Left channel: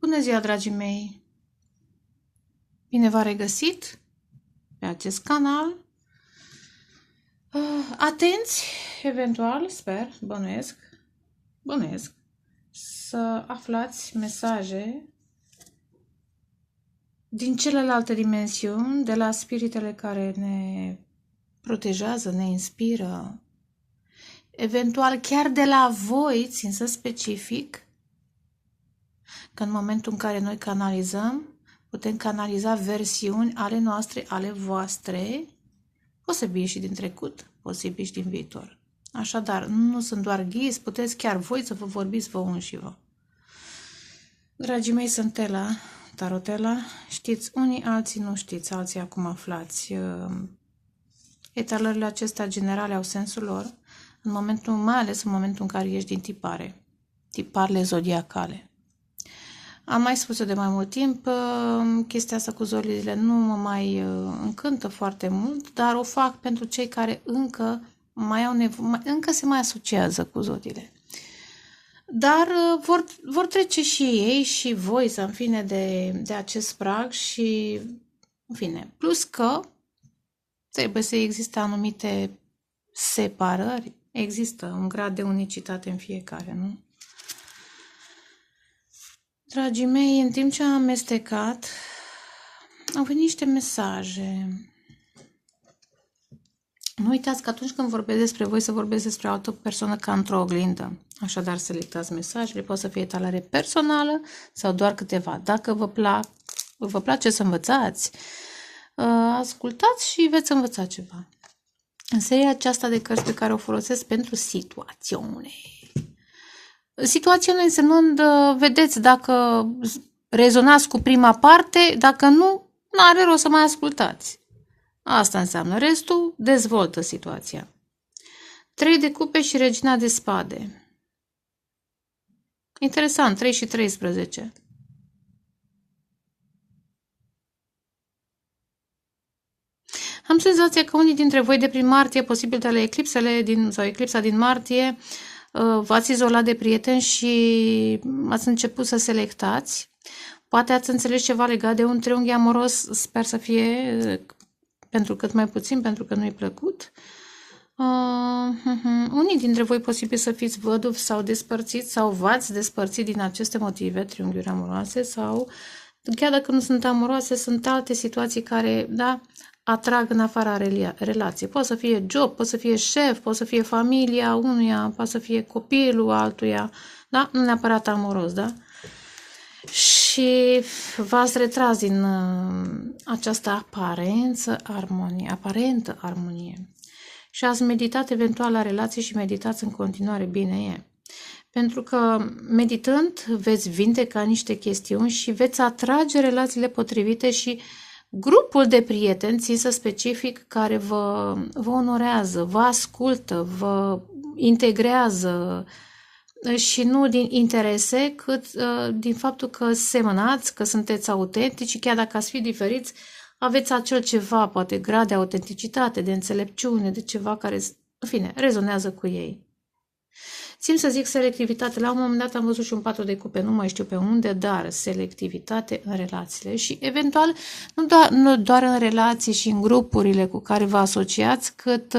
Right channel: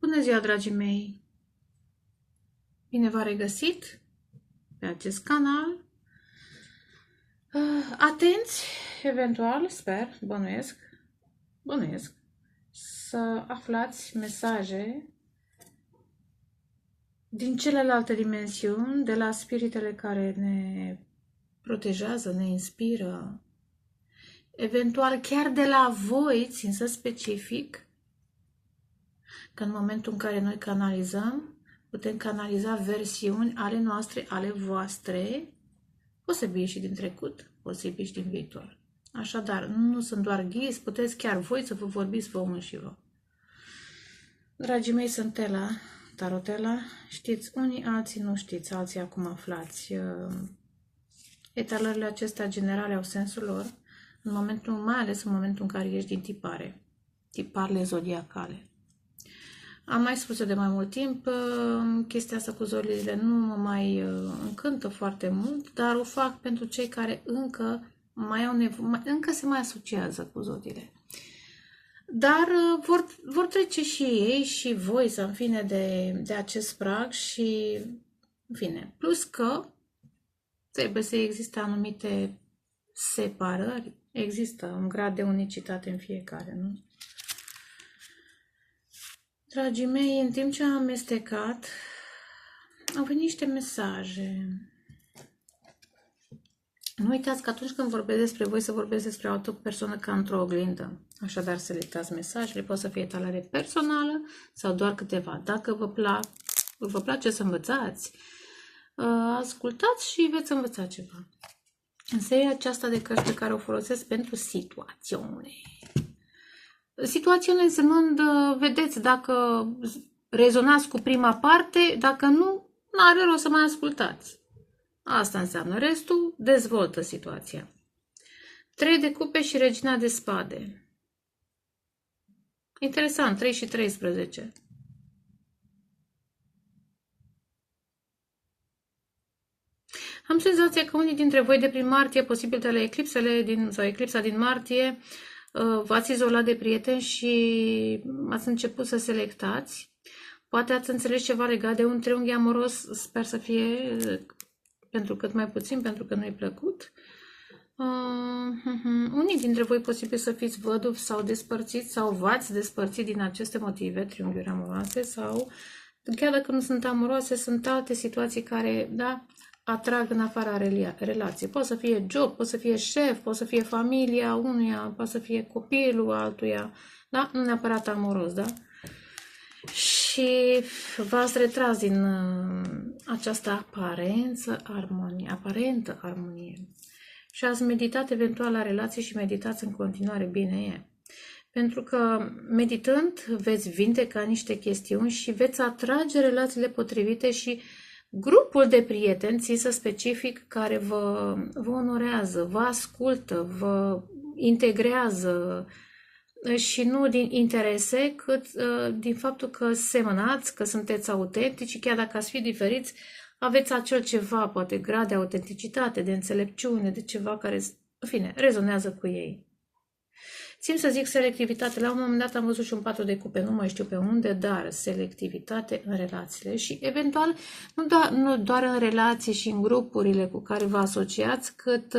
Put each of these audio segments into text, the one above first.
Bună ziua, dragii mei! Bine v-am regăsit pe acest canal. Atenți, eventual, sper, bănuiesc, să aflați mesaje din celelalte dimensiuni, de la spiritele care ne protejează, ne inspiră, eventual chiar de la voi, țin să specific, că în momentul în care noi canalizăm, putem canaliza versiuni ale noastre, ale voastre, posibil și din trecut, posibil și din viitor. Așadar, nu sunt doar ghizi, puteți chiar voi să vă vorbiți vă unși și vă. Dragii mei, sunt Ela, Tarotela. Știți unii, alții nu știți, alții acum aflați. Etalările acestea generale au sensul lor, în momentul, mai ales în momentul în care ești din tipare, tiparele zodiacale. Am mai spus-o de mai mult timp, chestia asta cu zodiile nu mă mai încântă foarte mult, dar o fac pentru cei care încă mai au încă se mai asociază cu zodiile. Dar vor trece și ei și voi, în fine, de acest prag și, în fine, plus că trebuie să existe anumite separări, există un grad de unicitate în fiecare, nu? Dragii mei, în timp ce am amestecat, au venit niște mesaje. Nu uitați că atunci când vorbesc despre voi, să vorbesc despre altă persoană ca într-o oglindă. Așadar, selectați mesajele, pot să fie etalare personală sau doar câteva. Dacă vă place să învățați, ascultați și veți învăța ceva. În seria aceasta de cărți pe care o folosesc pentru situațiune. Situațiune însemnând, vedeți dacă rezonați cu prima parte, dacă nu, n-are rost să mai ascultați. Asta înseamnă. Restul dezvoltă situația. 3 de cupe și regina de spade. Interesant, 3 și 13. Am senzația că unii dintre voi de prin martie, posibil de la eclipsa din martie, v-ați izolat de prieteni și ați început să selectați. Poate ați înțeles ceva legat de un triunghi amoros, sper să fie pentru cât mai puțin, pentru că nu-i plăcut. Unii dintre voi posibil să fiți văduvi sau despărțiți sau v-ați despărțit din aceste motive, triunghiuri amoroase, sau chiar dacă nu sunt amoroase, sunt alte situații care, da, atrag în afara relației. Poate să fie job, poate să fie șef, poate să fie familia unuia, poate să fie copilul altuia, da? Nu neapărat amoros, da? Și v-ați retras din această aparentă armonie. Și ați meditat eventual la relații și meditați în continuare, bine e. Pentru că meditând veți vindeca niște chestiuni și veți atrage relațiile potrivite și grupul de prieteni, țin să specific, care vă onorează, vă ascultă, vă integrează și nu din interese, cât din faptul că semănați, că sunteți autentici, chiar dacă ați fi diferiți, aveți acel ceva, poate grad de autenticitate, de înțelepciune, de ceva care, în fine, rezonează cu ei. Țin să zic selectivitate. La un moment dat am văzut și un 4 de cupe, nu mai știu pe unde, dar selectivitate în relațiile și eventual nu doar în relații și în grupurile cu care vă asociați, cât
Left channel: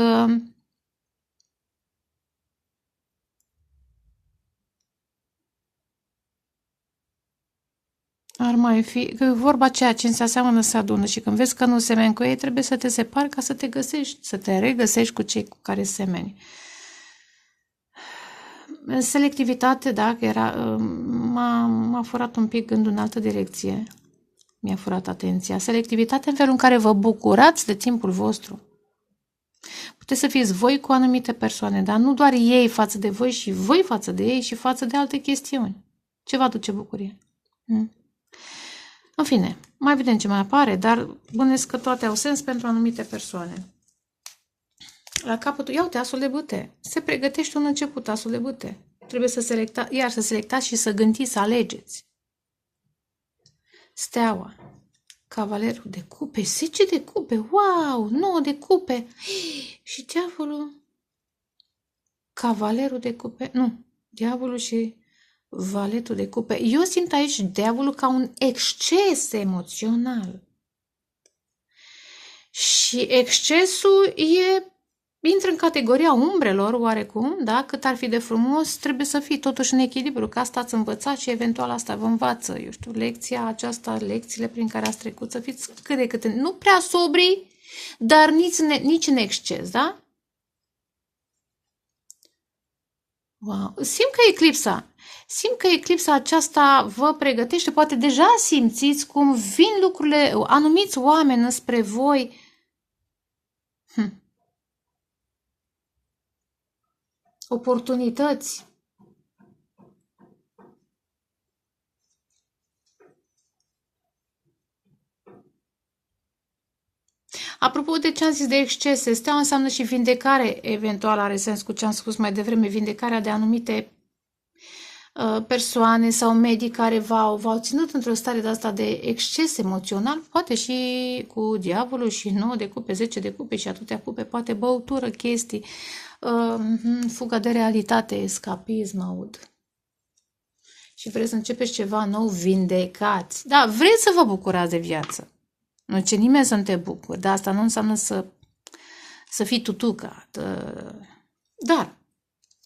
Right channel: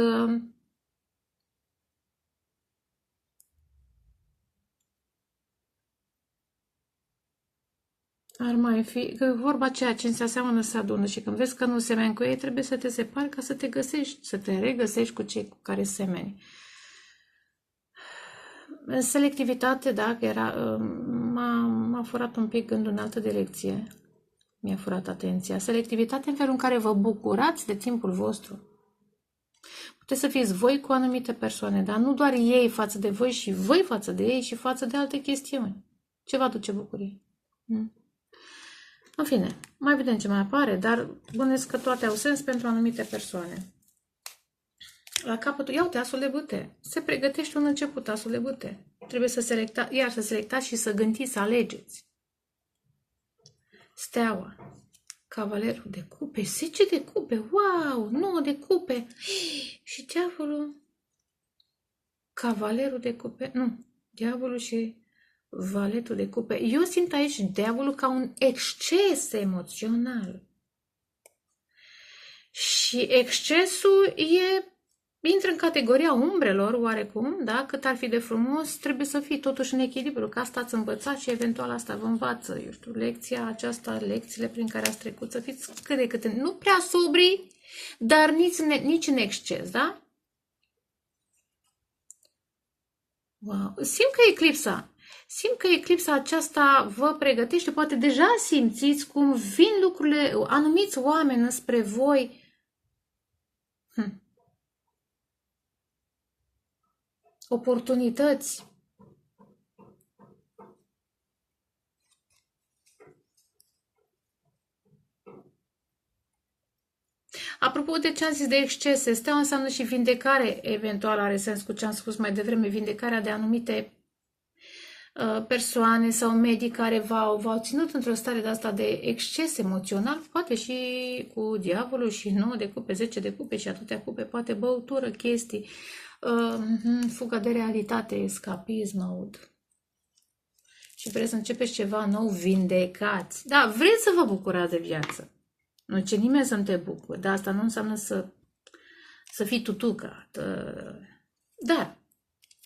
ar mai fi vorba ceea ce se aseamănă să adună și când vezi că nu semeni cu ei, trebuie să te separi ca să te găsești, să te regăsești cu cei cu care semeni. Selectivitate, da, m-a furat un pic gândul în altă direcție. Mi-a furat atenția. Selectivitate în felul în care vă bucurați de timpul vostru. Puteți să fiți voi cu anumite persoane, dar nu doar ei față de voi și voi față de ei și față de alte chestiuni. Ce vă aduce bucurie? În fine, mai vedem ce mai apare, dar bănuiesc că toate au sens pentru anumite persoane. La capătul, ia uite, asul de bâte. Se pregătește un început, asul de bâte. Trebuie să selectați și să gândiți, să alegeți. Steaua. Cavalerul de cupe, 10 de cupe, wow, 9 de cupe. Și diavolul. Cavalerul de cupe, nu, diavolul și Valetul de cupe. Eu simt aici diavolul ca un exces emoțional. Și excesul intră în categoria umbrelor, oarecum, da? Cât ar fi de frumos, trebuie să fii totuși în echilibru, că asta ați învățat și eventual asta vă învață, eu știu, lecția aceasta, lecțiile prin care ați trecut, să fiți cât de cât, nu prea sobri, dar nici în exces, da? Wow. Simt că eclipsa aceasta vă pregătește, poate deja simțiți cum vin lucrurile, anumiți oameni spre voi. Oportunități. Apropo de ce am zis de excese, steaua înseamnă și vindecare, eventual are sens cu ce am spus mai devreme, vindecarea de anumite persoane sau medii care v-au ținut într-o stare de asta de exces emoțional, poate și cu diavolul și 9 de cupe, 10 de cupe și atâtea cupe, poate băutură, chestii, fuga de realitate, escapism, aud. Și vreți să începeți ceva nou, vindecați. Da, vreți să vă bucurați de viață. Nu ce nimeni să nu te bucuri, dar asta nu înseamnă să fii tutuca. Dar,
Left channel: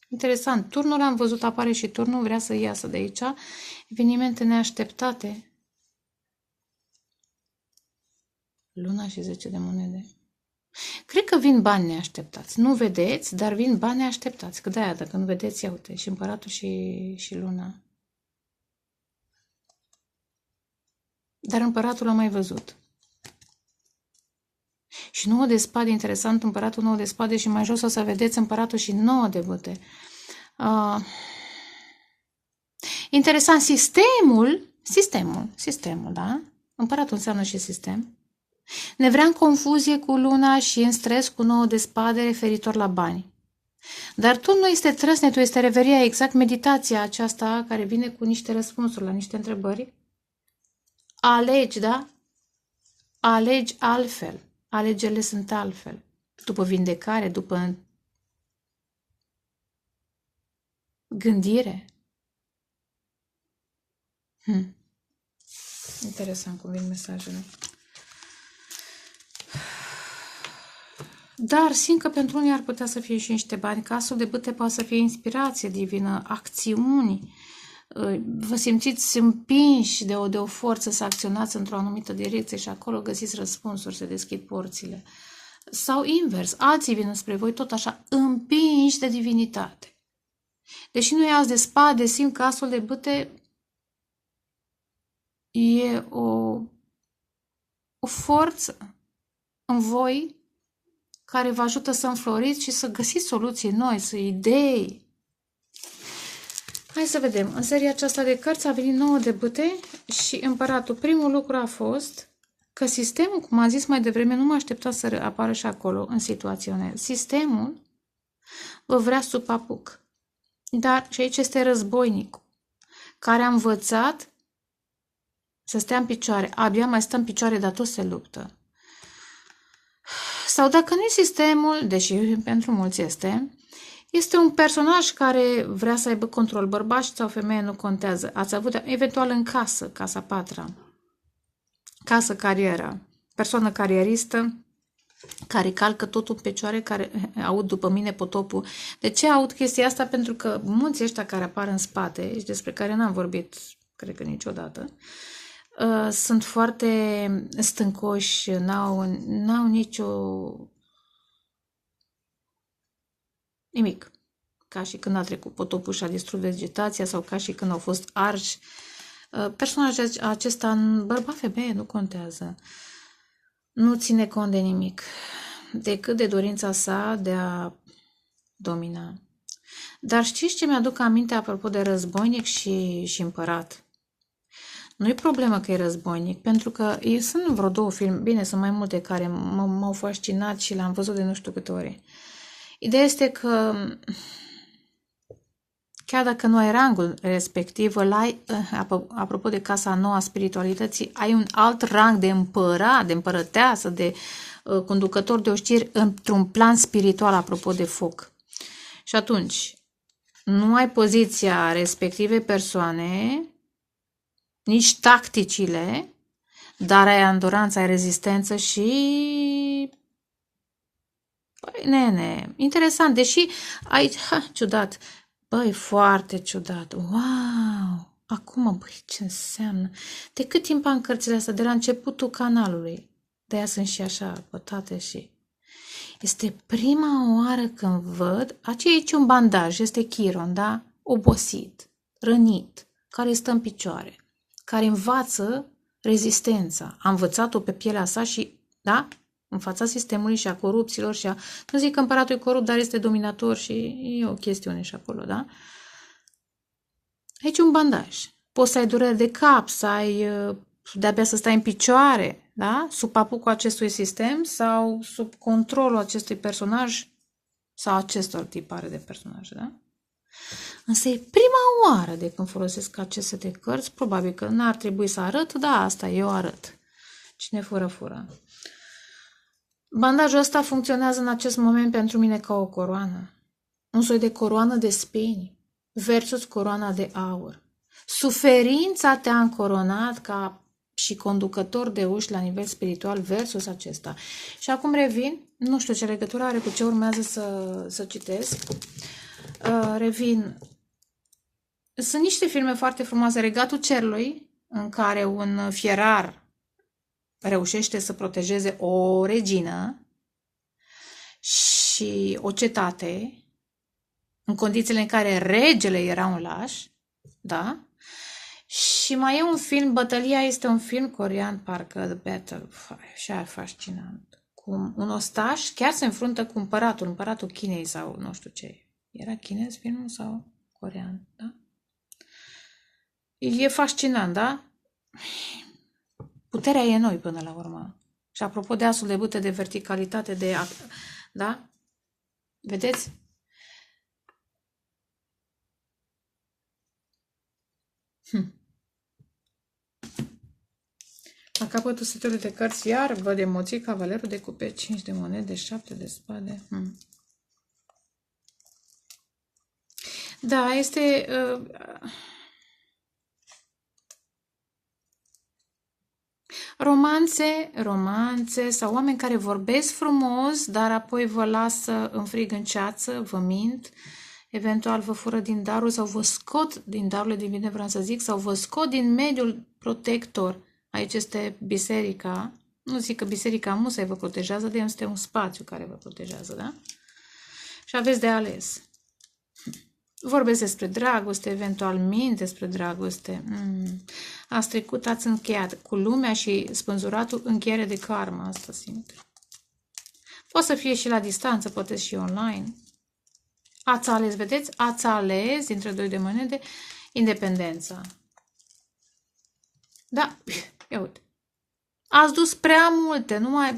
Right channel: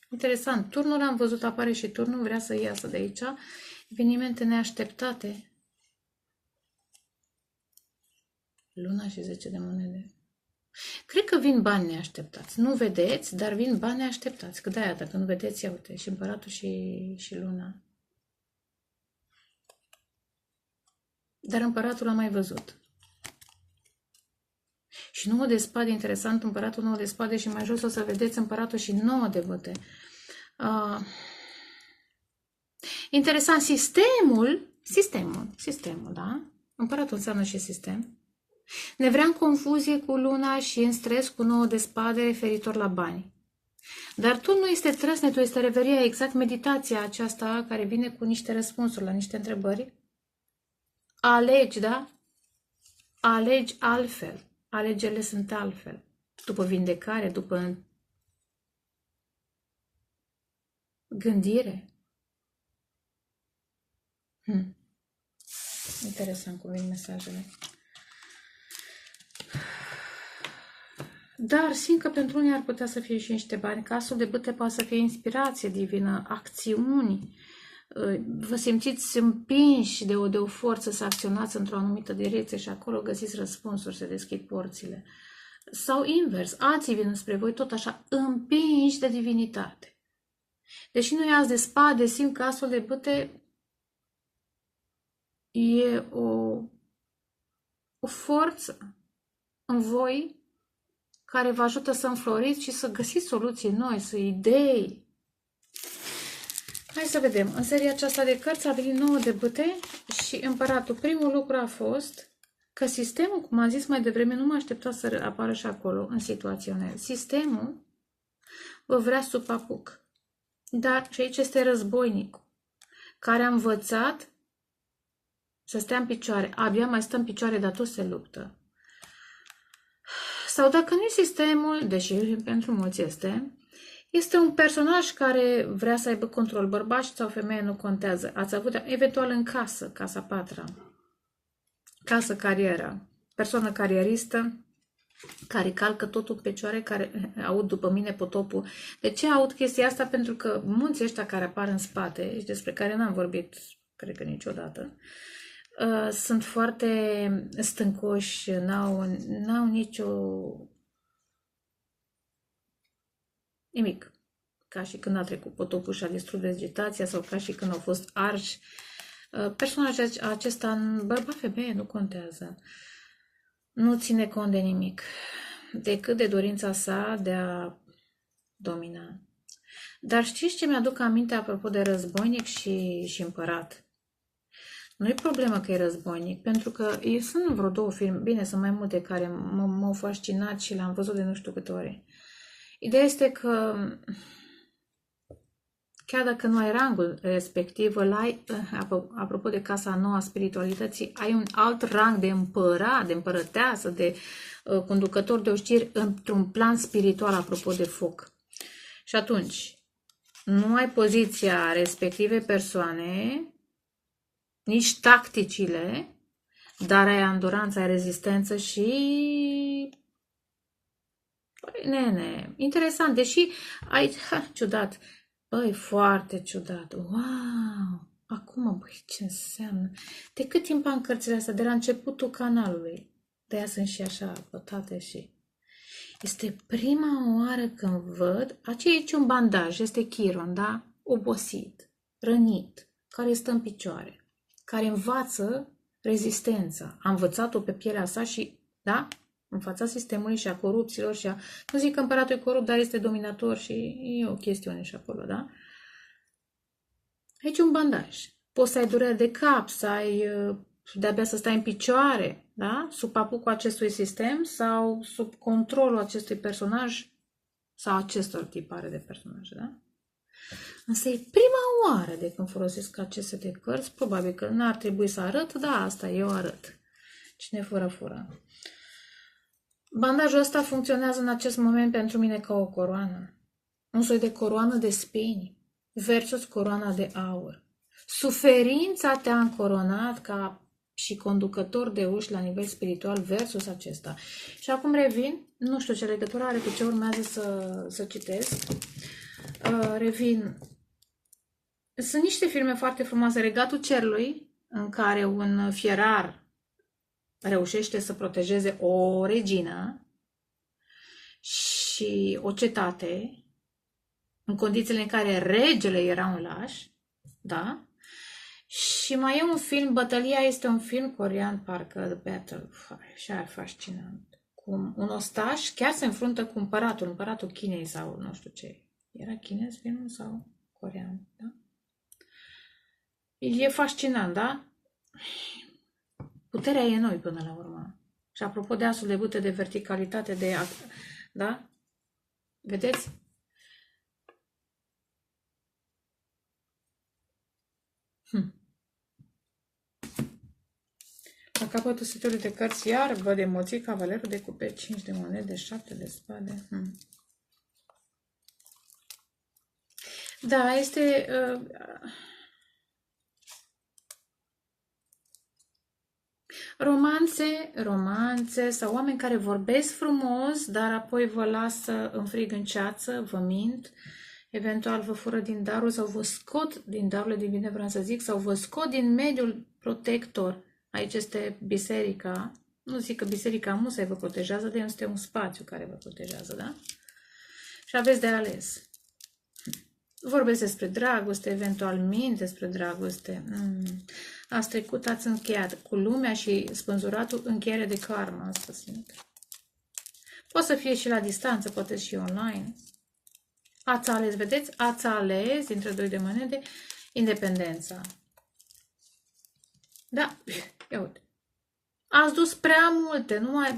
interesant, turnul am văzut, apare și turnul, vrea să iasă de aici. Evenimente neașteptate. Luna și 10 de monede. Cred că vin bani neașteptați. Nu vedeți, dar vin bani neașteptați. Că de-aia, dacă nu vedeți, ia uite, și împăratul și luna. Dar împăratul am mai văzut. Și 9 de spade, interesant, împăratul 9 de spade și mai jos o să vedeți împăratul și 9 de bâte. Interesant, sistemul, da? Împăratul înseamnă și sistem. Ne vrea în confuzie cu luna și în stres cu 9 de spade referitor la bani. Dar tu nu este trăsnetul, este reveria, exact meditația aceasta care vine cu niște răspunsuri la niște întrebări. Alegi, da? Alegi altfel. Alegerile sunt altfel. După vindecare, după gândire. Interesant cum vin mesajele. Dar simt că pentru unii ar putea să fie și niște bani. Casul de bâte poate să fie inspirație divină, acțiuni. Vă simțiți împinși de o forță să acționați într-o anumită direcție și acolo găsiți răspunsuri, se deschid porțile. Sau invers, alții vin spre voi tot așa, împinși de divinitate. Deși nu e as de spade, simt că asul de bâte e o forță în voi care vă ajută să înfloriți și să găsiți soluții noi, să idei. Hai să vedem. În seria aceasta de cărți a venit 9 de bâte și împăratul. Primul lucru a fost că sistemul, cum am zis mai devreme, nu mă aștepta să apară și acolo în situațional. Sistemul vă vrea sub apuc. Dar și aici este războinicul, care a învățat să stea în picioare. Abia mai stă în picioare, dar tot se luptă. Sau dacă nu e sistemul, deși pentru mulți este un personaj care vrea să aibă control, bărbat sau femeie, nu contează. Ați avut eventual în casă, casa patra, casă carieră, persoană carieristă, care calcă totul în picioare, care aud după mine potopul. De ce aud chestia asta? Pentru că mulți ăștia care apar în spate, și despre care n-am vorbit, cred că niciodată, sunt foarte stâncoși, n-au nicio... nimic. Ca și când a trecut potopul și a distrus vegetația sau ca și când au fost arși. Personajul acesta, bărbat, femeie, nu contează. Nu ține cont de nimic, decât de dorința sa de a domina. Dar știți ce mi-aduc aminte apropo de războinic și împărat? Nu-i problemă că e războinic, pentru că sunt vreo 2 filme, bine, sunt mai multe care m-au fascinat și le-am văzut de nu știu câte ori. Ideea este că chiar dacă nu ai rangul respectiv, îl ai, apropo de casa nouă a spiritualității, ai un alt rang de împărat, de împărăteasă, de conducător de oștiri într-un plan spiritual, apropo de foc. Și atunci, Nu ai poziția respectivei persoane, nici tacticile, dar ai andoranță, ai rezistență și... Păi, nene, interesant, deși aici, ciudat, băi, foarte ciudat, wow, acum, băi, ce înseamnă? De cât timp am cărțile astea? De la începutul canalului, de-aia sunt și așa pătate și... Este prima oară când văd, aici un bandaj, este Chiron, da? Obosit, rănit, care stă în picioare, care învață rezistența. A învățat-o pe pielea sa și, da? În fața sistemului și a corupților și a... Nu zic că împăratul e corupt, dar este dominator și e o chestiune și acolo, da? Aici un bandaj. Poți să ai durere de cap, să ai de-abia să stai în picioare, da? Sub papucul acestui sistem sau sub controlul acestui personaj sau acestor tipare de personaje, da? Însă e prima oară de când folosesc aceste de cărți, probabil că n-ar trebui să arăt, da, asta eu arăt. Cine fură, fură. Bandajul ăsta funcționează în acest moment pentru mine ca o coroană. Un soi de coroană de spini versus coroana de aur. Suferința te-a încoronat ca și conducător de uși la nivel spiritual versus acesta. Și acum revin, nu știu ce legătură are cu ce urmează să citesc. Revin. Sunt niște filme foarte frumoase. Regatul Cerului, în care un fierar reușește să protejeze o regină și o cetate, în condițiile în care regele era un laș, da? Și mai e un film, Bătălia este un film corean, parcă The Battle, și e fascinant. Cu un ostaș chiar se înfruntă cu împăratul Chinei sau nu știu ce. Era chinez filmul sau corean, da? E fascinant, da? Puterea e în noi până la urmă. Și apropo de asul de bâte, de verticalitate, de... Da? Vedeți? La capătul setului de cărți, iar văd emoții, cavalerul de cupe, 5 de monede, 7 de spade. Da, este... romanțe sau oameni care vorbesc frumos, dar apoi vă lasă în frig în ceață, vă mint, eventual vă fură din darul sau vă scot din darurile divine, vreau să zic, sau vă scot din mediul protector. Aici este biserica. Nu zic că biserica musai vă protejează, de este un spațiu care vă protejează, da? Și aveți de ales. Vorbesc despre dragoste, eventual mint despre dragoste. Ați trecut, ați încheiat cu lumea și spânzuratul, încheiere de karma, asta simt. Poate să fie și la distanță, poate și online. Ați ales, vedeți? Ați ales, dintre 2 de monede, independența. Da, ia uite. Ați dus prea multe, nu mai...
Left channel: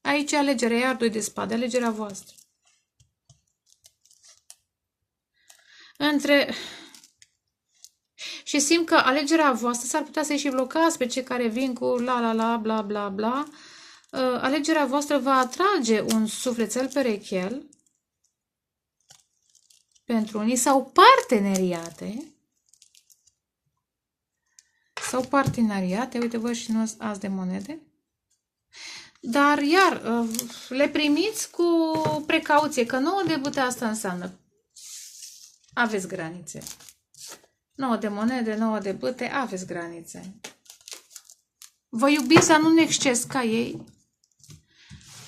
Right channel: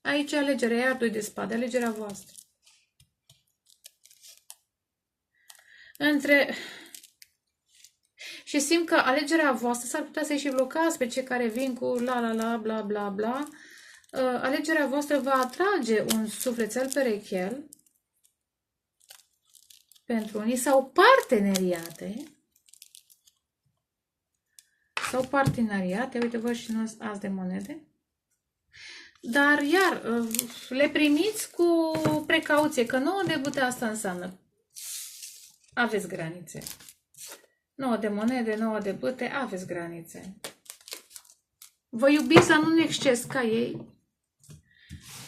Aici alegerea, iar 2 de spade, alegerea voastră. Și simt că alegerea voastră s-ar putea să-i și blocați pe cei care vin cu la, bla, bla, bla. Alegerea voastră va atrage un sufletel perechel pentru unii sau parteneriate. Uite, văd și nu azi de monede. Dar, iar, le primiți cu precauție, că 9 de bâte asta înseamnă. Aveți granițe. 9 de monede, 9 de bâte, aveți granițe. Vă iubiți, dar nu în exces ca ei.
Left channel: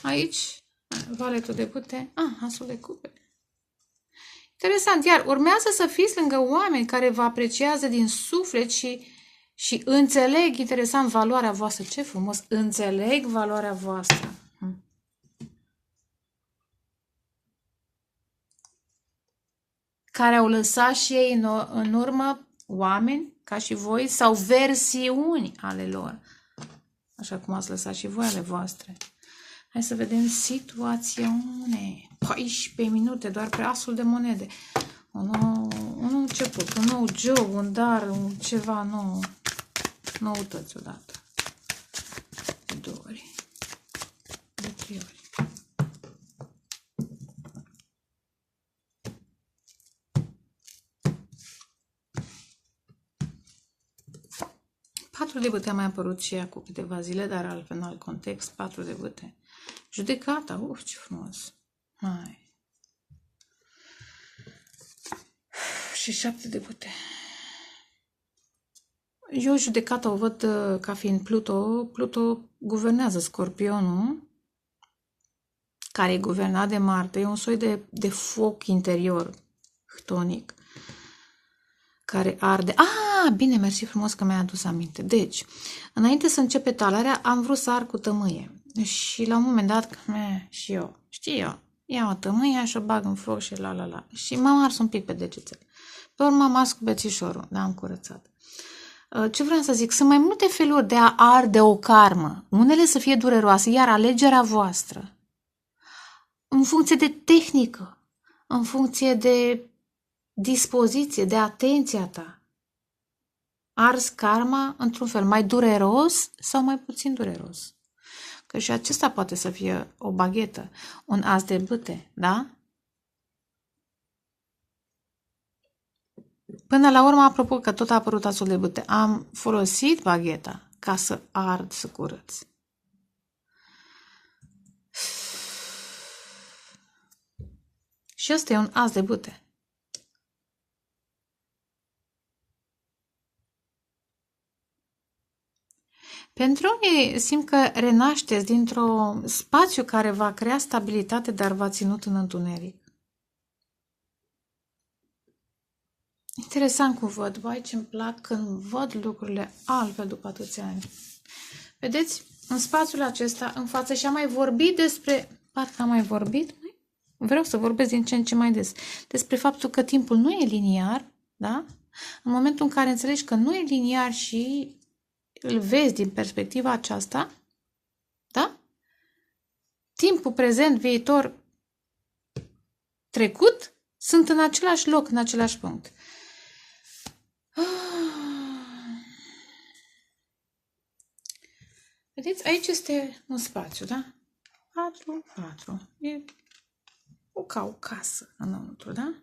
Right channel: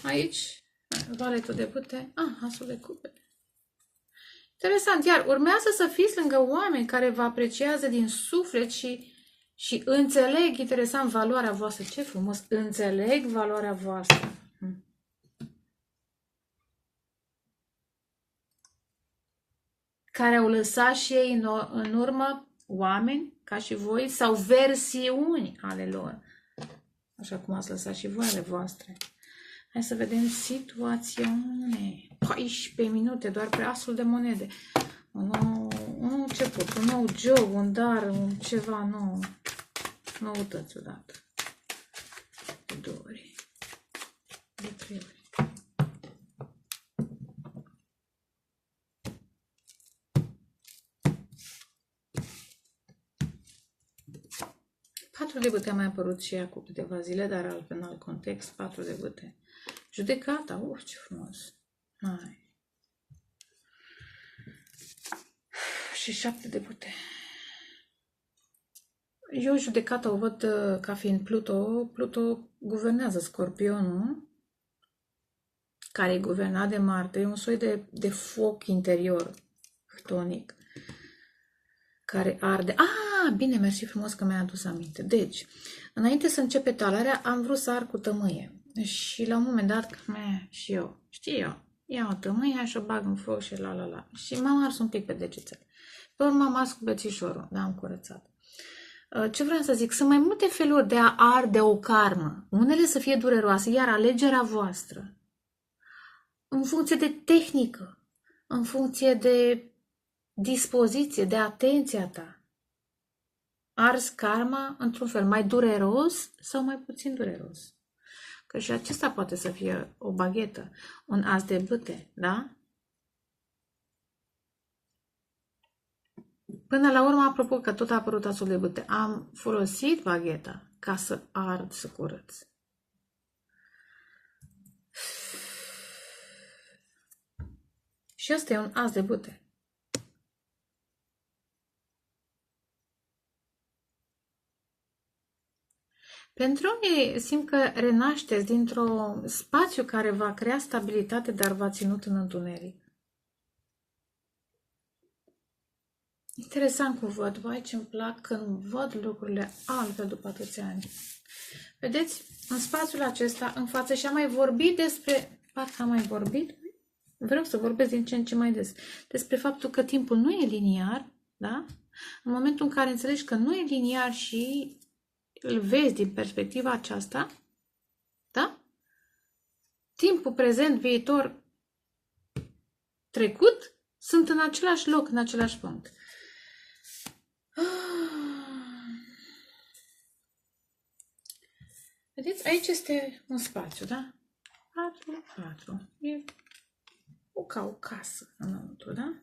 Aici, valetul de bâte, asul de cupe. Interesant, iar urmează să fiți lângă oameni care vă apreciază din suflet și înțeleg, interesant, valoarea voastră. Ce frumos, înțeleg valoarea voastră. Care au lăsat și ei în urmă oameni ca și voi sau versiuni ale lor. Așa cum ați lăsat și voi ale voastre. Hai să vedem situațiune. 14 minute, doar pe asul de monede. Un nou început, un nou job, un dar, ceva nou. Noutăți odată. De 2 ori. De 3 ori. 4 de bâte a mai apărut și ea cu câteva zile, dar altfel în alt context, 4 de bâte. Judecata, ce frumos. Hai. Și 7 de bâte. Eu judecata o văd ca fiind Pluto. Pluto guvernează Scorpionul, care e guvernat de Marte. E un soi de foc interior, htonic, care arde. Bine, mersi frumos că mi-ai adus aminte. Deci, înainte să începe talarea, am vrut să ar cu tămâie. Și la un moment dat, și eu, iau o tămâie și o bag în foc și la. Și m-am ars un pic pe degețel. Pe urmă am ars cu bețișorul, dar am curățat. Ce vreau să zic? Sunt mai multe feluri de a arde o karmă. Unele să fie dureroase, iar alegerea voastră, în funcție de tehnică, în funcție de dispoziție, de atenția ta, arzi karma într-un fel mai dureros sau mai puțin dureros. Că și acesta poate să fie o baghetă, un as de bâte, da? Până la urmă, apropo că tot a apărut asul de bâte, am folosit bagheta ca să ard, să curăț. Și ăsta e un as de bâte. Pentru unii simt că renașteți dintr-un spațiu care va crea stabilitate, dar v-a ținut în întuneric. Interesant cum văd, vai ce-mi plac când văd lucrurile altfel după atâția ani. Vedeți, în spațiul acesta, în față, și am mai vorbit despre, parcă am mai vorbit, vreau să vorbesc din ce în ce mai des, despre faptul că timpul nu e liniar, da? În momentul în care înțelegi că nu e liniar și îl vezi din perspectiva aceasta, da? Timpul prezent, viitor, trecut, sunt în același loc, în același punct. Vedeți, aici este un spațiu, da? 4. E ca o casă înăuntru, da?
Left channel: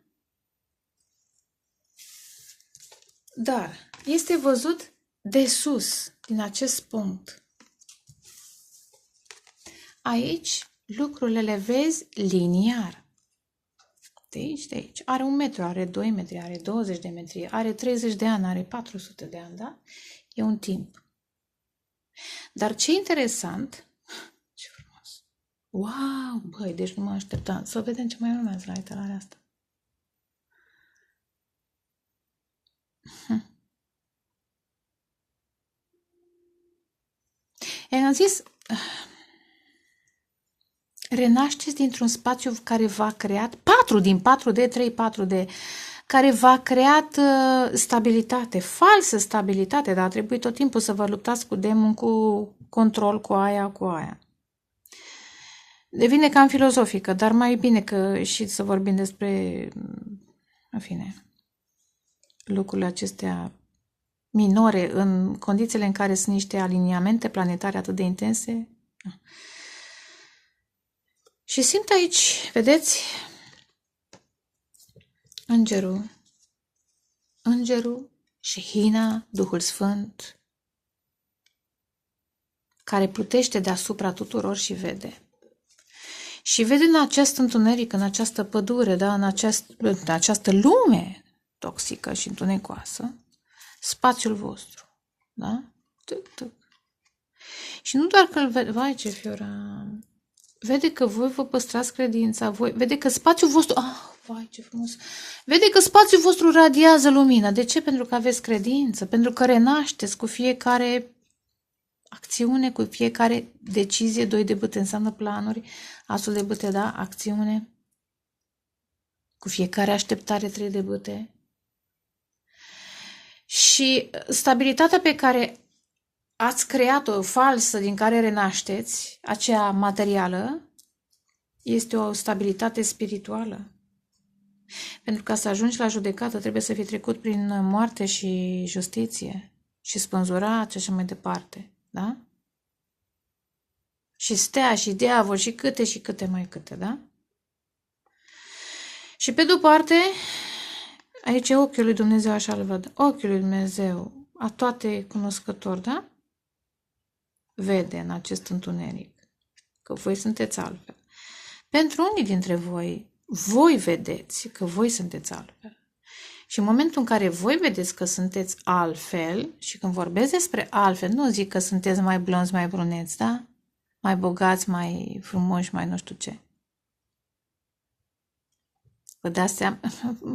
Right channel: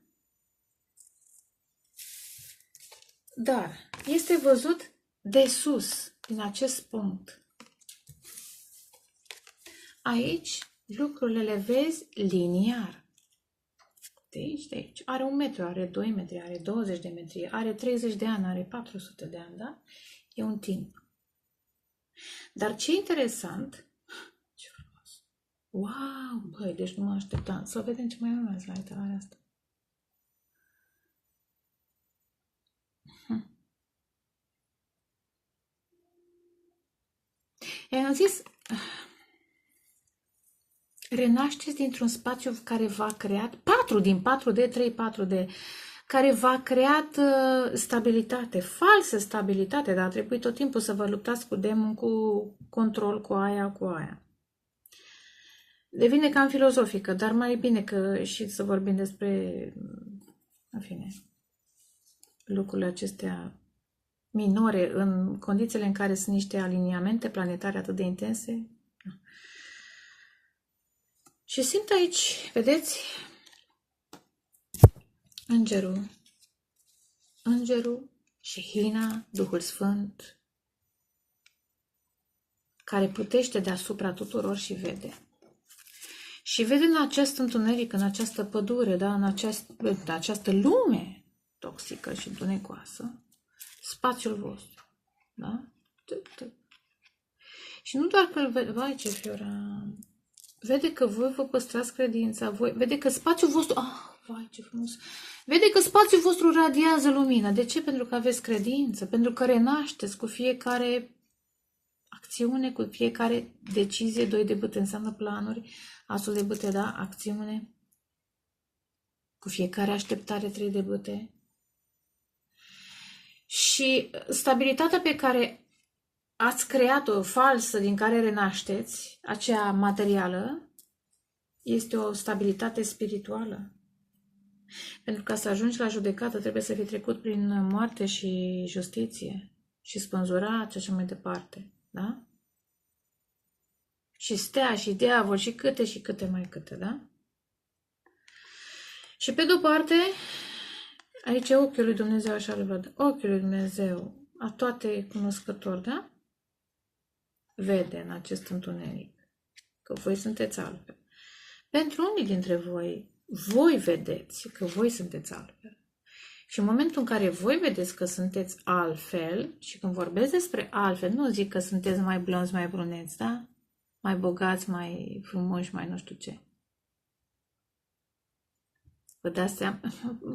Dar este văzut de sus, din acest punct. Aici lucrurile le vezi liniar. De aici. Are 1 metru, are 2 metri, are 20 de metri, are 30 de ani, are 400 de ani, da? E un timp. Dar ce interesant, ce frumos. Wow, băi, deci nu mă așteptam. Să vedem ce mai urmează la iterarea asta. Am zis, renașteți dintr-un spațiu care v-a creat 4 din 4D, 3, 4D, care v-a creat stabilitate, falsă stabilitate, dar a trebuit tot timpul să vă luptați cu demon, cu control, cu aia. Devine cam filozofică, dar mai bine că și să vorbim despre, în fine, lucrurile acestea minore în condițiile în care sunt niște aliniamente planetare atât de intense. Și simt aici, vedeți, îngerul și Hina, Duhul Sfânt, care plutește deasupra tuturor și vede. Și vede în acest întuneric, în această pădure, da, în această lume toxică și întunecoasă, spațiul vostru. Da? Și nu doar că îl vede, vai ce fiora, vede că voi vă păstrați credința, vede că spațiul vostru, vai ce frumos, vede că spațiul vostru radiază lumină. De ce? Pentru că aveți credință, pentru că renașteți cu fiecare acțiune, cu fiecare decizie. 2 de bâte înseamnă planuri, asul de bâte, da, acțiune, cu fiecare așteptare 3 de bâte. Și stabilitatea pe care ați creat-o falsă, din care renașteți, aceea materială, este o stabilitate spirituală. Pentru ca să ajungi la judecată, trebuie să fii trecut prin moarte și justiție și spânzurat și așa mai departe, da? Și stea și diavol și câte mai câte, da? Și pe de-o parte, aici e ochiul lui Dumnezeu, așa îl văd, ochiul lui Dumnezeu, a toate cunoscători, da? Vede în acest întuneric că voi sunteți altfel. Pentru unii dintre voi vedeți că voi sunteți altfel. Și în momentul în care voi vedeți că sunteți altfel, și când vorbesc despre altfel, nu zic că sunteți mai blonzi, mai bruneți, da? Mai bogați, mai frumoși, mai nu știu ce. Vă dați seama?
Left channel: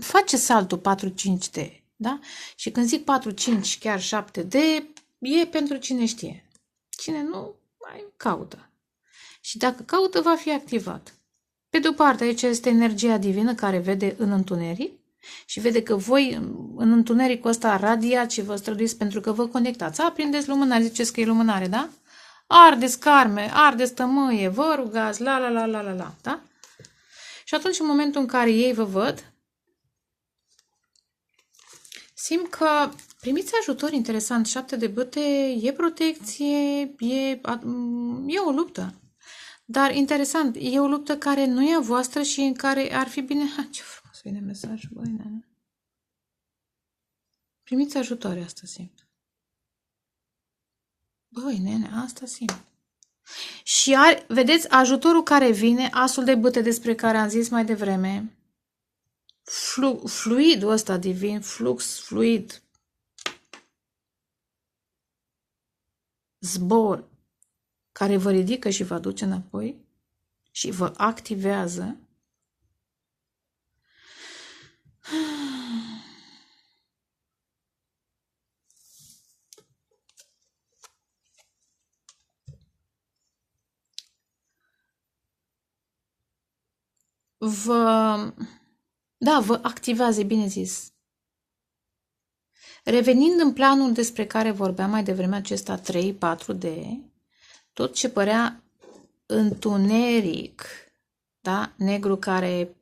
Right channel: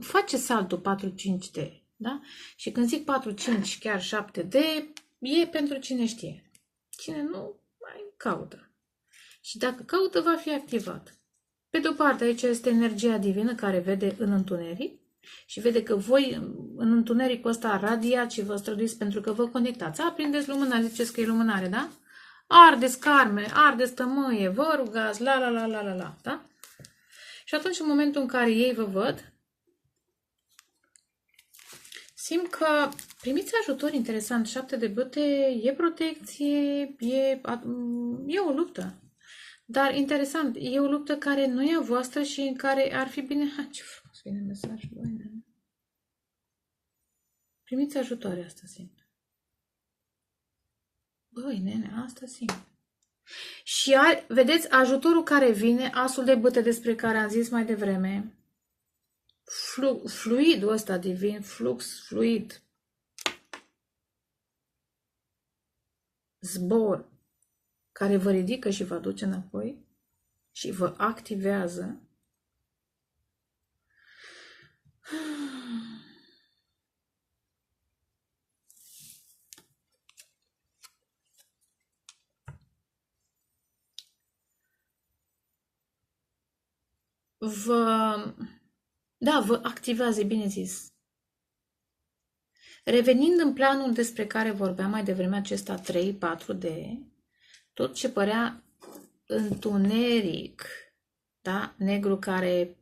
Face saltul 4-5D, da? Și când zic 4-5, chiar 7D, e pentru cine știe. Cine nu, mai caută. Și dacă caută, va fi activat. Pe de-o parte, aici este energia divină care vede în întuneric și vede că voi în întunericul ăsta radiați și vă străduiți pentru că vă conectați. Aprindeți lumânare, ziceți că e lumânare, da? Ardeți carme, ardeți tămâie, vă rugați, la, da? Și atunci, în momentul în care ei vă văd, simt că primiți ajutor interesant. 7 de bâte, e protecție, e o luptă. Dar interesant, e o luptă care nu e a voastră și în care ar fi bine... Ce frumos vine mesajul, băi, nene. Primiți ajutor, asta simt. Băi, nene, asta simt. Și vedeți, ajutorul care vine, asul de bâte despre care am zis mai devreme, fluidul ăsta divin, flux, fluid, zbor, care vă ridică și vă aduce înapoi și vă activează. Vă activează, bine zis. Revenind în planul despre care vorbeam mai devreme, acesta 3-4D, tot ce părea întuneric, da? Negru care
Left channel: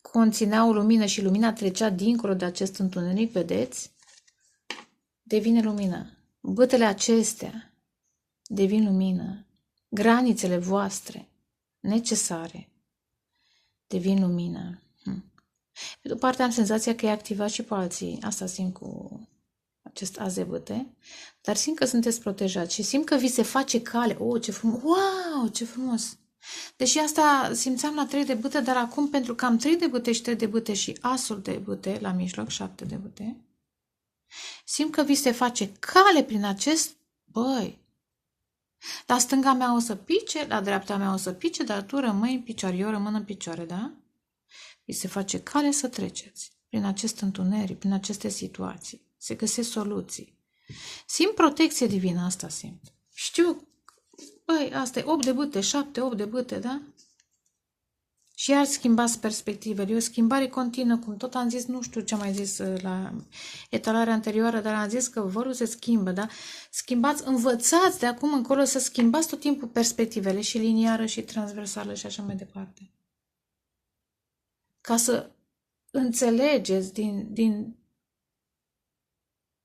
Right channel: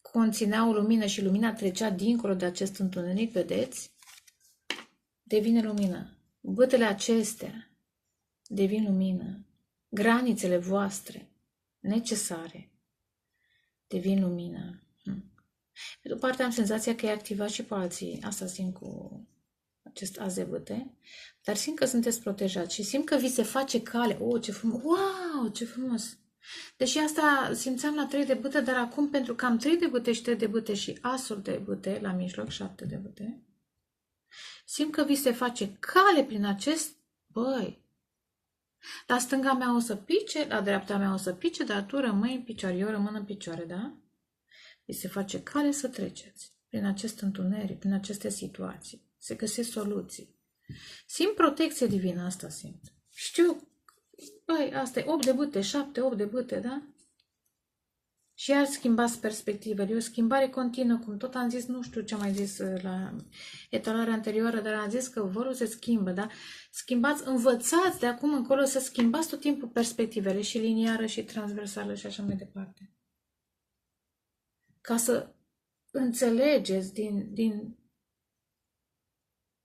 conținea o lumină și lumina trecea dincolo de acest întuneric, vedeți? Devine lumină. Bătele acestea devin lumină. Granițele voastre necesare devin lumină. Pe de-o parte am senzația că e activat și pe alții. Asta simt cu acest az de bâte. Dar simt că sunteți protejați și simt că vi se face cale. Oh, ce frumos! Wow, ce frumos! Deși asta simțeam la 3 de bâte, dar acum pentru că am 3 de bâte și 3 de bâte și asul de bâte la mijloc, 7 de bâte, simt că vi se face cale prin acest... Băi! La stânga mea o să pice, la dreapta mea o să pice, dar tu rămâi în picioare, eu rămân în picioare, da? Vi se face cale să treceți prin acest întuneric, prin aceste situații. Se găsesc soluții. Simt protecție divină, asta simt. Știu, băi, asta e 8 de bâte, 7, 8 de bâte, da? Și iar schimbați perspectivele. E o schimbare continuă, cum tot am zis, nu știu ce am mai zis la etalarea anterioară, dar am zis că vărul se schimbă, da? Schimbați, învățați de acum încolo să schimbați tot timpul perspectivele și liniară și transversală și așa mai departe. Ca să înțelegeți din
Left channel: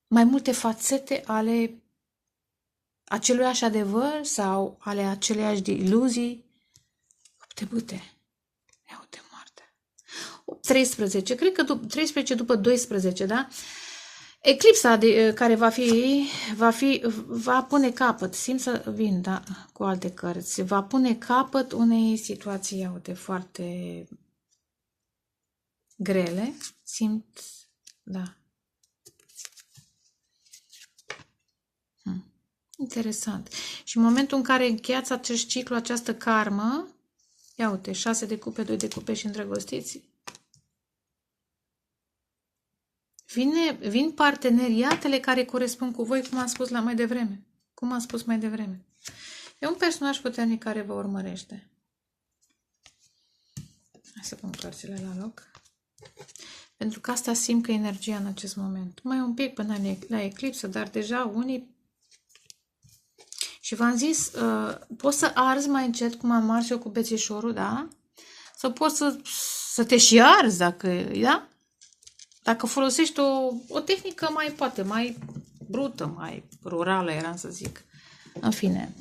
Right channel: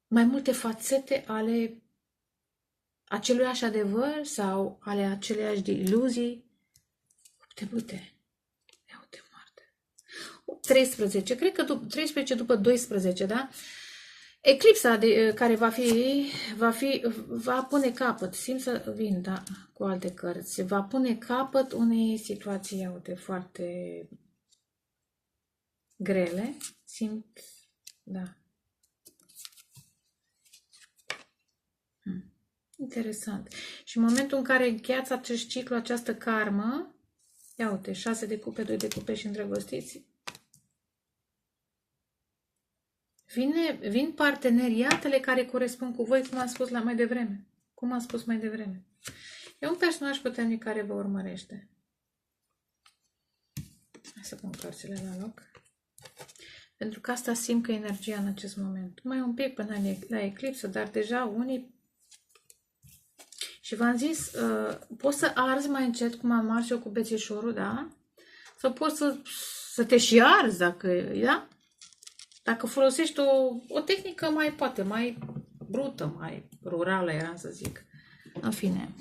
mai multe fațete ale aceluiași adevăr sau ale aceleiași iluzii. 8 de bâte. 13, cred că 13 după 12, da? Eclipsa care va pune capăt, simt să vin, da, cu alte cărți, va pune capăt unei situații, iau-te, foarte grele, simt, da. Interesant. Și în momentul în care încheiați acest ciclu, această karmă, ia uite, 6 de cupe, 2 de cupe și îndrăgostiți, vin parteneriatele care corespund cu voi, cum am spus mai devreme. Cum am spus mai devreme. E un personaj puternic care vă urmărește. Hai să pun cărțile la loc. Pentru că asta simt că energia în acest moment. Mai un pic până la eclipsă, dar deja unii... Și v-am zis, poți să arzi mai încet, cum am ars eu cu bețișorul, da? Sau poți să te și arzi, da? Dacă folosești o tehnică mai brută, mai rurală, eram să zic. În fine.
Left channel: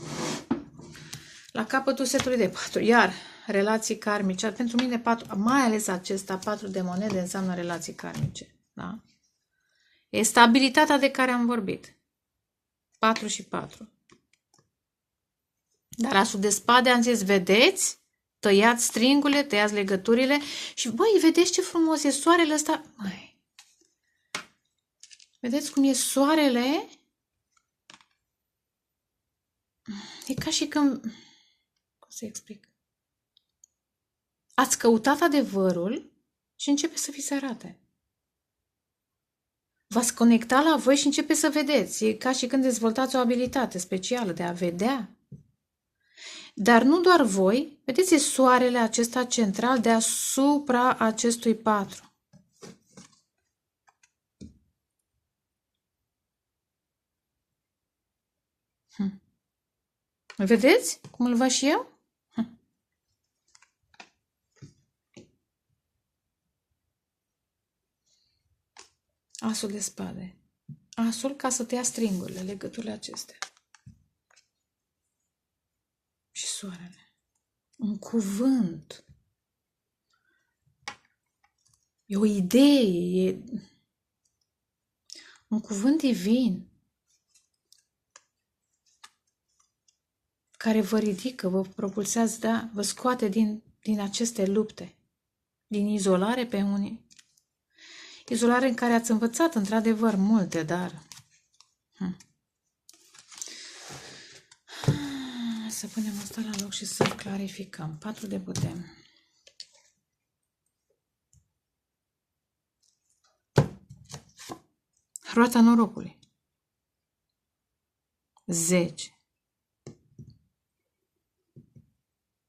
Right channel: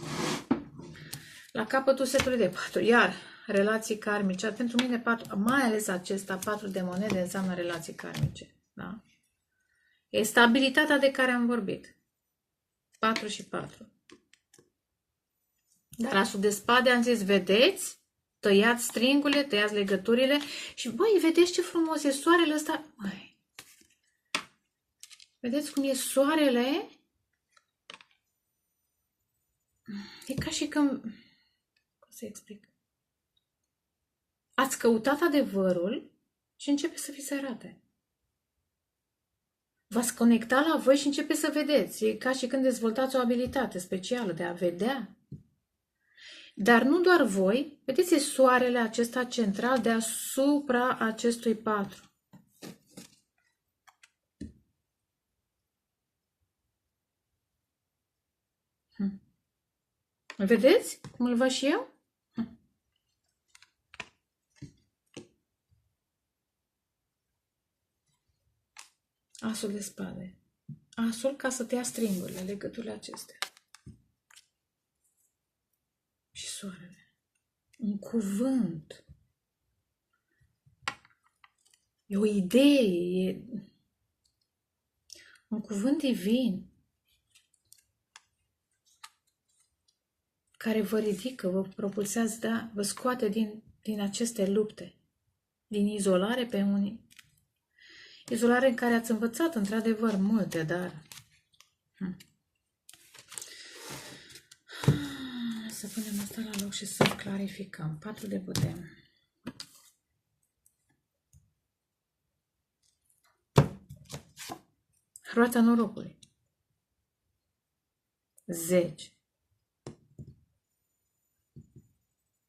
La capătul setului de 4. Iar relații karmice. Pentru mine, 4, mai ales acesta, 4 de monede, înseamnă relații karmice. Da? E stabilitatea de care am vorbit. 4 și 4. Dar asul de spade am zis, vedeți? Tăiați stringurile, tăiați legăturile și, băi, vedeți ce frumos e soarele ăsta? Băi, vedeți cum e soarele? E ca și când... Cum să explic? Ați căutat adevărul și începe să vi se arate. V-ați conecta la voi și începe să vedeți. E ca și când dezvoltați o abilitate specială de a vedea. Dar nu doar voi, vedeți, e soarele acesta central deasupra acestui 4. Vedeți cum îl văd și eu? Asul de spade. Asul ca să te ia stringurile, legăturile acestea. Și soarele. Un cuvânt. E o idee. E un cuvânt divin. Care vă ridică, vă propulsează, da? Vă scoate din aceste lupte. Din izolare pe unii. Izolare în care ați învățat, într-adevăr, multe, dar... Să punem asta la loc și să clarificăm. 4 de putem. Roata norocului. 10.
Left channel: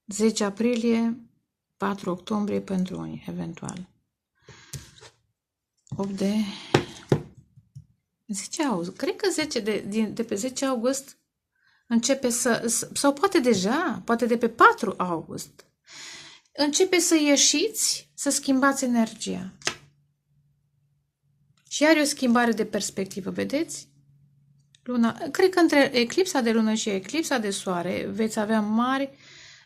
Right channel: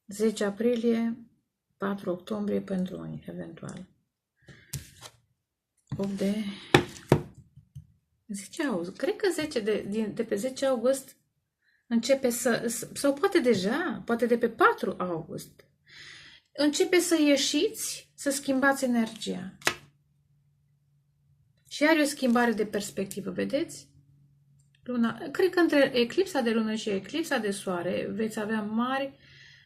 10 aprilie, 4 octombrie pentru unii, eventual. 8 de... 10 august. Cred că 10 de pe 10 august începe sau poate deja, poate de pe 4 august, începe să ieșiți, să schimbați energia. Și are o schimbare de perspectivă, vedeți? Luna, cred că între eclipsa de lună și eclipsa de soare veți avea mari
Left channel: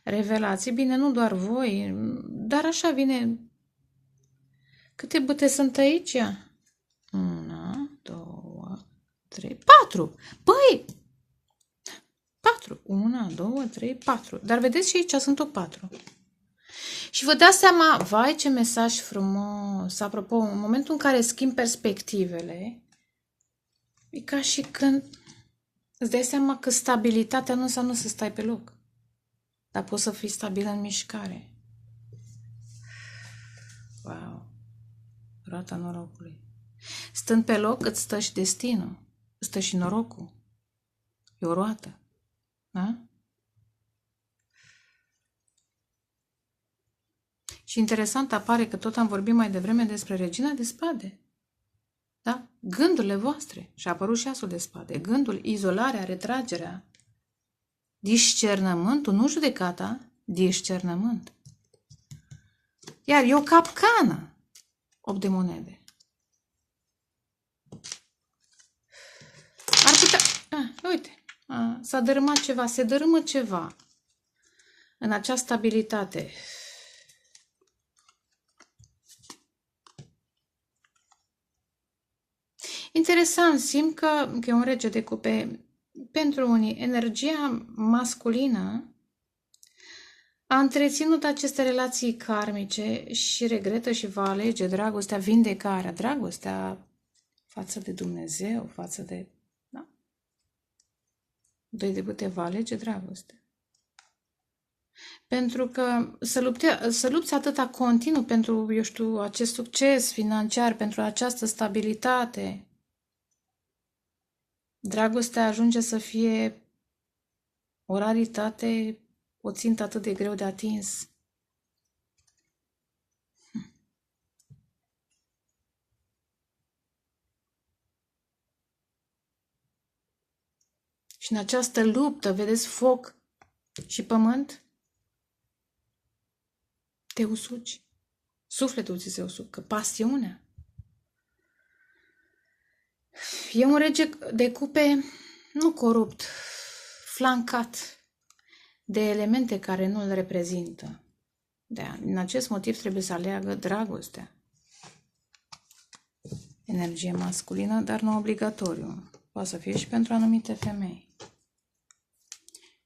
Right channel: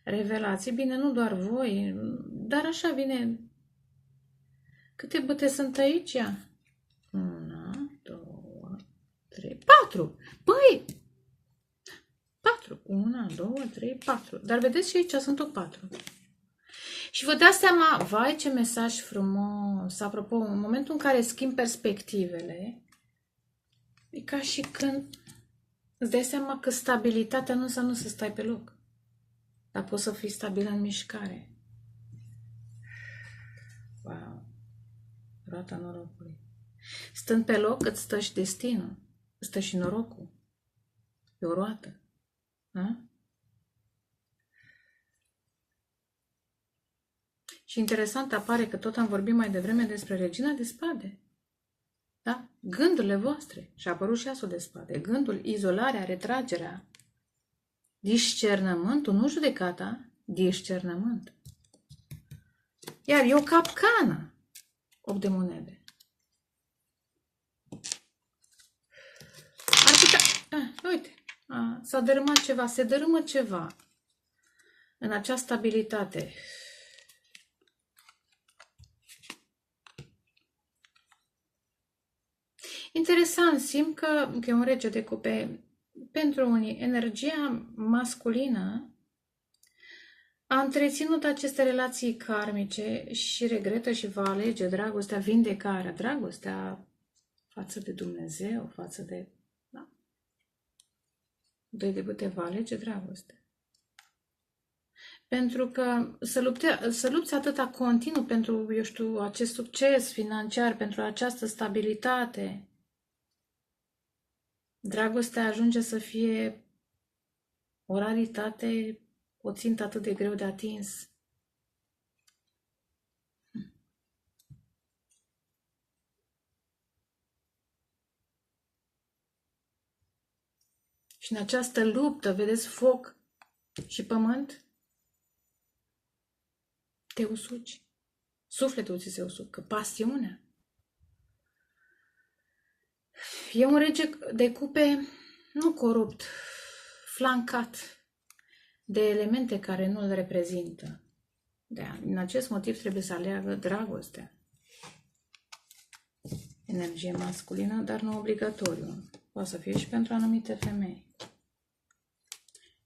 revelații. Bine, nu doar voi, dar așa vine. Câte bâte sunt aici? 1, 2, 3, 4. Păi! 4. 1, 2, 3, 4. Dar vedeți și aici sunt tot 4. Și vă dați seama, vai ce mesaj frumos. Apropo, în momentul în care schimbi perspectivele, e ca și când îți dai seama că stabilitatea nu înseamnă să stai pe loc. Dar poți să fii stabil în mișcare. Wow! Roata norocului. Stând pe loc, îți stă și destinul. Îți stă și norocul. E o roată. Da? Și interesant apare că tot am vorbit mai devreme despre regina de spade. Da? Gândurile voastre. Și a apărut și asul de spade. Gândul, izolarea, retragerea, discernământul, nu judecata, discernământ. Iar e o capcană. 8 de monede. Ar putea... uite, s-a dărâmat ceva, se dărâmă ceva în această stabilitate. Interesant, simt că e un rege de cupe. Pentru unii, energia masculină a întreținut aceste relații karmice și regretă și va alege dragostea, vindecarea, dragostea față de Dumnezeu, față de... Da? 2 de bâte va alege dragoste. Pentru că să lupți atâta continuu pentru, eu știu, acest succes financiar, pentru această stabilitate, dragostea ajunge să fie o raritate, o țintă atât de greu de atins. Și în această luptă, vedeți, foc și pământ, te usuci. Sufletul ți se usucă, pasiunea. E un rege de cupe nu corupt, flancat de elemente care nu îl reprezintă. Din acest motiv trebuie să aleagă dragostea. Energie masculină, dar nu obligatoriu. Poate să fie și pentru anumite femei.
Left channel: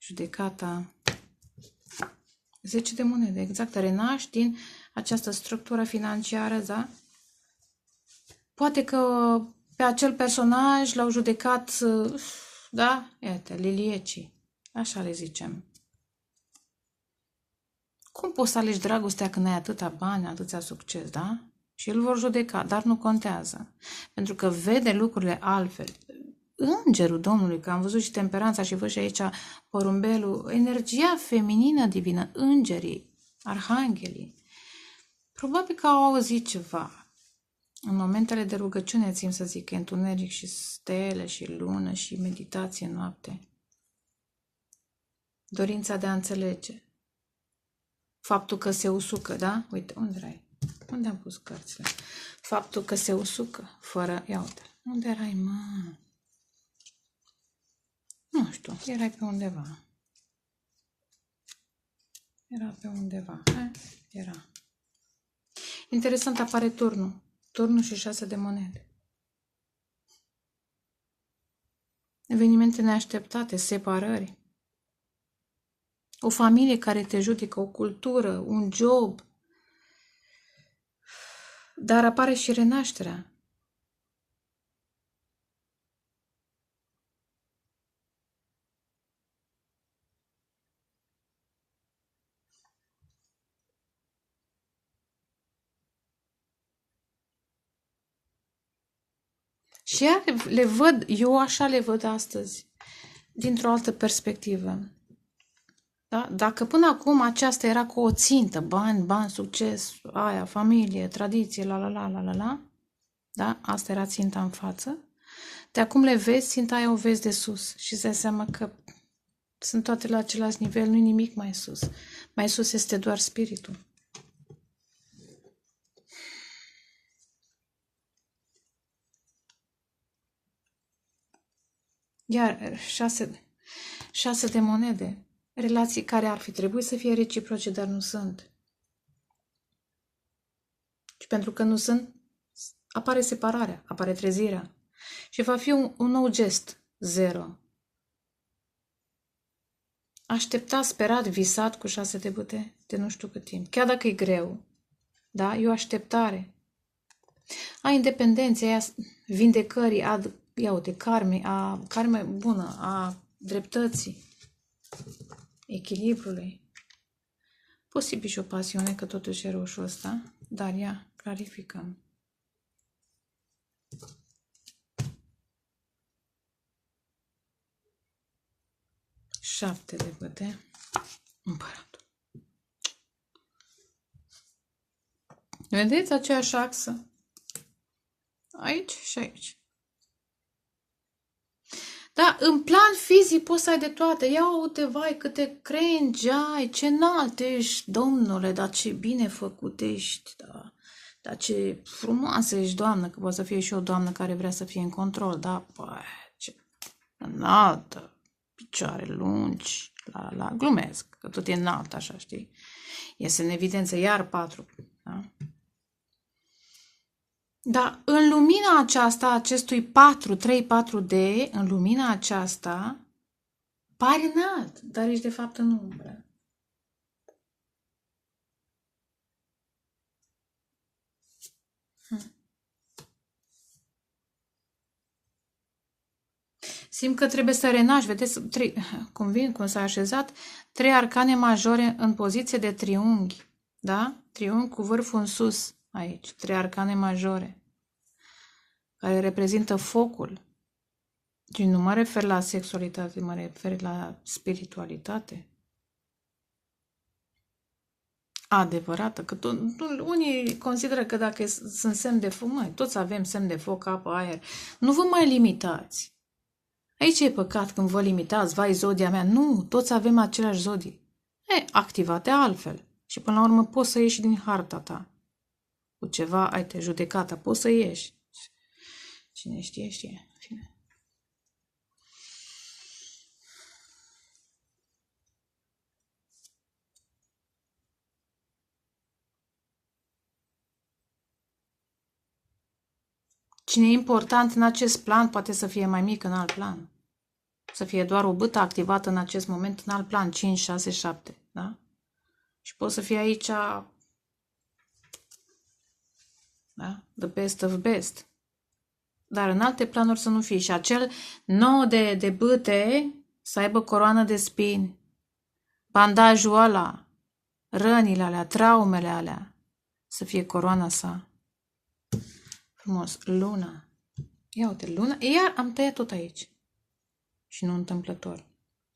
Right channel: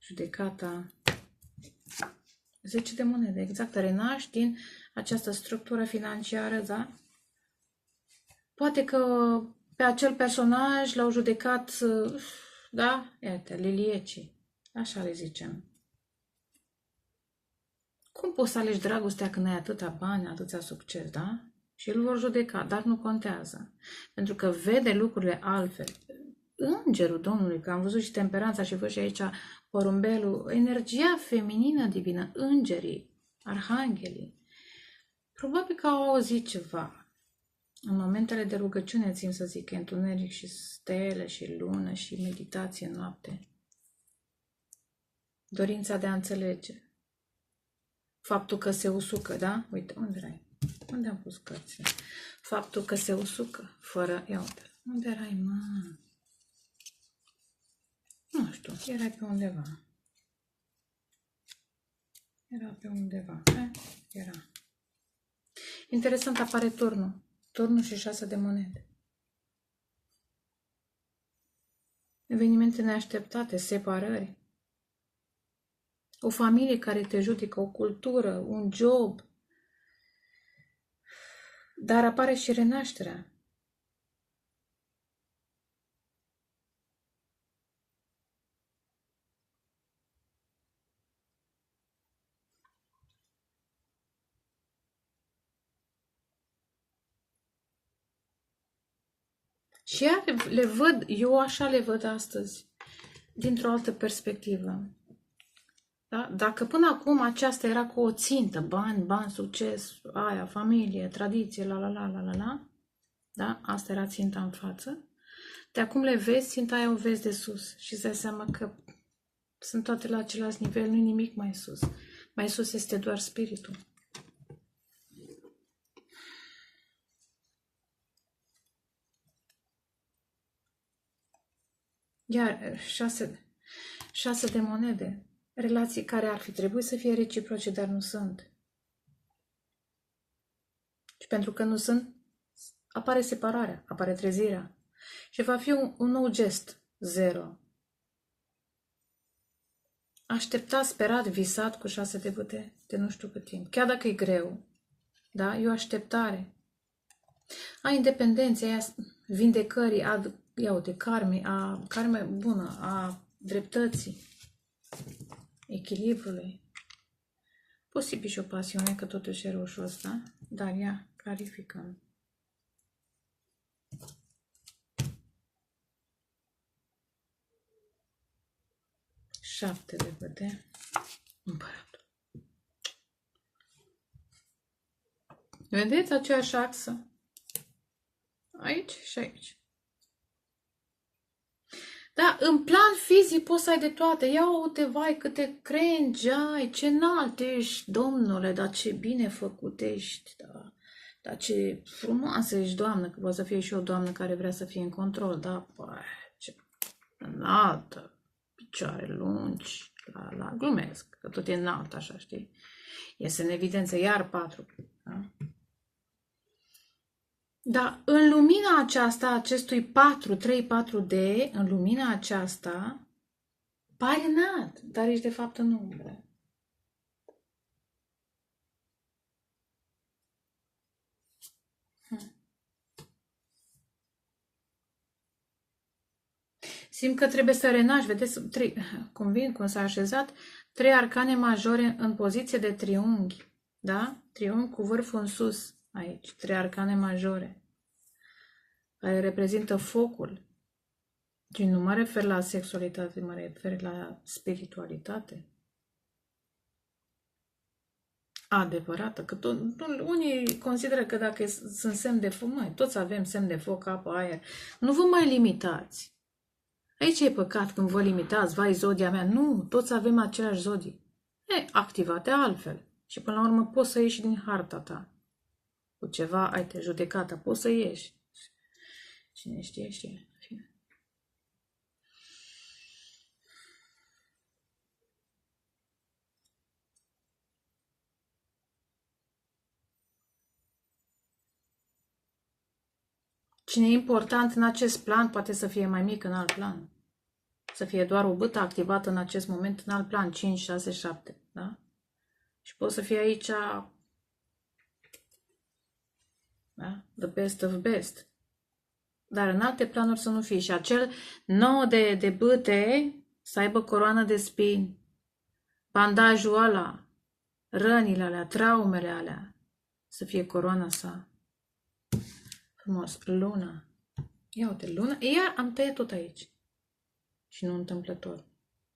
Judecata. 10 de monede, exact. Renaști din această structură financiară, da? Poate că pe acel personaj l-au judecat, da? Iată, liliecii. Așa le zicem. Cum poți să alegi dragostea când ai atâta bani, atâția succes, da? Și îl vor judeca, dar nu contează. Pentru că vede lucrurile altfel. Îngerul Domnului, că am văzut și temperanța și văd și aici porumbelul, energia feminină divină, îngerii, arhanghelii, probabil că au auzit ceva. În momentele de rugăciune, țin să zic, întuneric și stele și lună și meditație noapte. Dorința de a înțelege. Faptul că se usucă, da? Uite, unde erai? Unde am pus cărțile? Faptul că se usucă, fără... Ia uite, unde erai, mă? Nu știu, erai pe undeva. Era pe undeva. Era. Interesant, apare turnul. Turnul și 6 de monede. Evenimente neașteptate, separări. O familie care te judecă, o cultură, un job. Dar apare și renașterea. Și le văd, eu așa le văd astăzi, dintr-o altă perspectivă. Da? Dacă până acum aceasta era cu o țintă, bani, succes, aia, familie, tradiție, la, da? Asta era ținta în față. De acum le vezi, ținta aia o vezi de sus și îți dai seama că sunt toate la același nivel, nu-i nimic mai sus. Mai sus este doar spiritul. Iar 6 de monede. Relații care ar fi trebuit să fie reciproce, dar nu sunt. Și pentru că nu sunt, apare separarea, apare trezirea. Și va fi un nou gest, 0. Așteptat, sperat, visat cu 6 de bâte de nu știu cât timp. Chiar dacă e greu, da? E o așteptare. A independenței, a vindecării, ia uite, karme bună, a dreptății, echilibrului. Posibil și o pasiune, că totuși e roșu ăsta, dar ia, clarificăm. Șapte de bâte, împăratul. Vedeți aceeași axă? Aici și aici. Da, în plan fizic poți să ai de toate. Ia uite, vai, câte crengi ai, ce înalt ești, domnule, dar ce bine făcut ești, da. Dar ce frumoasă ești, doamnă, că poate să fie și o doamnă care vrea să fie în control, da, păi, ce înaltă, picioare lungi, la, glumesc, că tot e înalt, așa, știi? Iese în evidență iar 4, da? Dar în lumina aceasta, acestui 3-4D, în lumina aceasta, pare înalt, dar ești de fapt în umbră. Simt că trebuie să renaști, vedeți, cum s-a așezat, 3 arcane majore în poziție de triunghi, da? Triunghi cu vârful în sus, aici, 3 arcane majore, care reprezintă focul. Și nu mă refer la sexualitate, mă refer la spiritualitate. Adevărată, că unii consideră că dacă sunt semn de foc, noi toți avem semn de foc, apă, aer, nu vă mai limitați. Aici e păcat când vă limitați, vai, zodia mea. Nu, toți avem aceleași zodii. Activate altfel. Și până la urmă poți să ieși din harta ta. Cu ceva, ai te judecată, poți să ieși. Cine știe, știe. Fine. Cine e important în acest plan poate să fie mai mic în alt plan. Să fie doar o bâtă activată în acest moment în alt plan, 5, 6, 7. Da? Și poți să fie aici, da? The best of best. Dar în alte planuri să nu fie. Și acel 9 de bâte să aibă coroană de spini, bandajul ăla, rănile alea, traumele alea, să fie coroana sa. Frumos. Luna. Ia uite, luna. Iar am tăiat tot aici. Și nu întâmplător.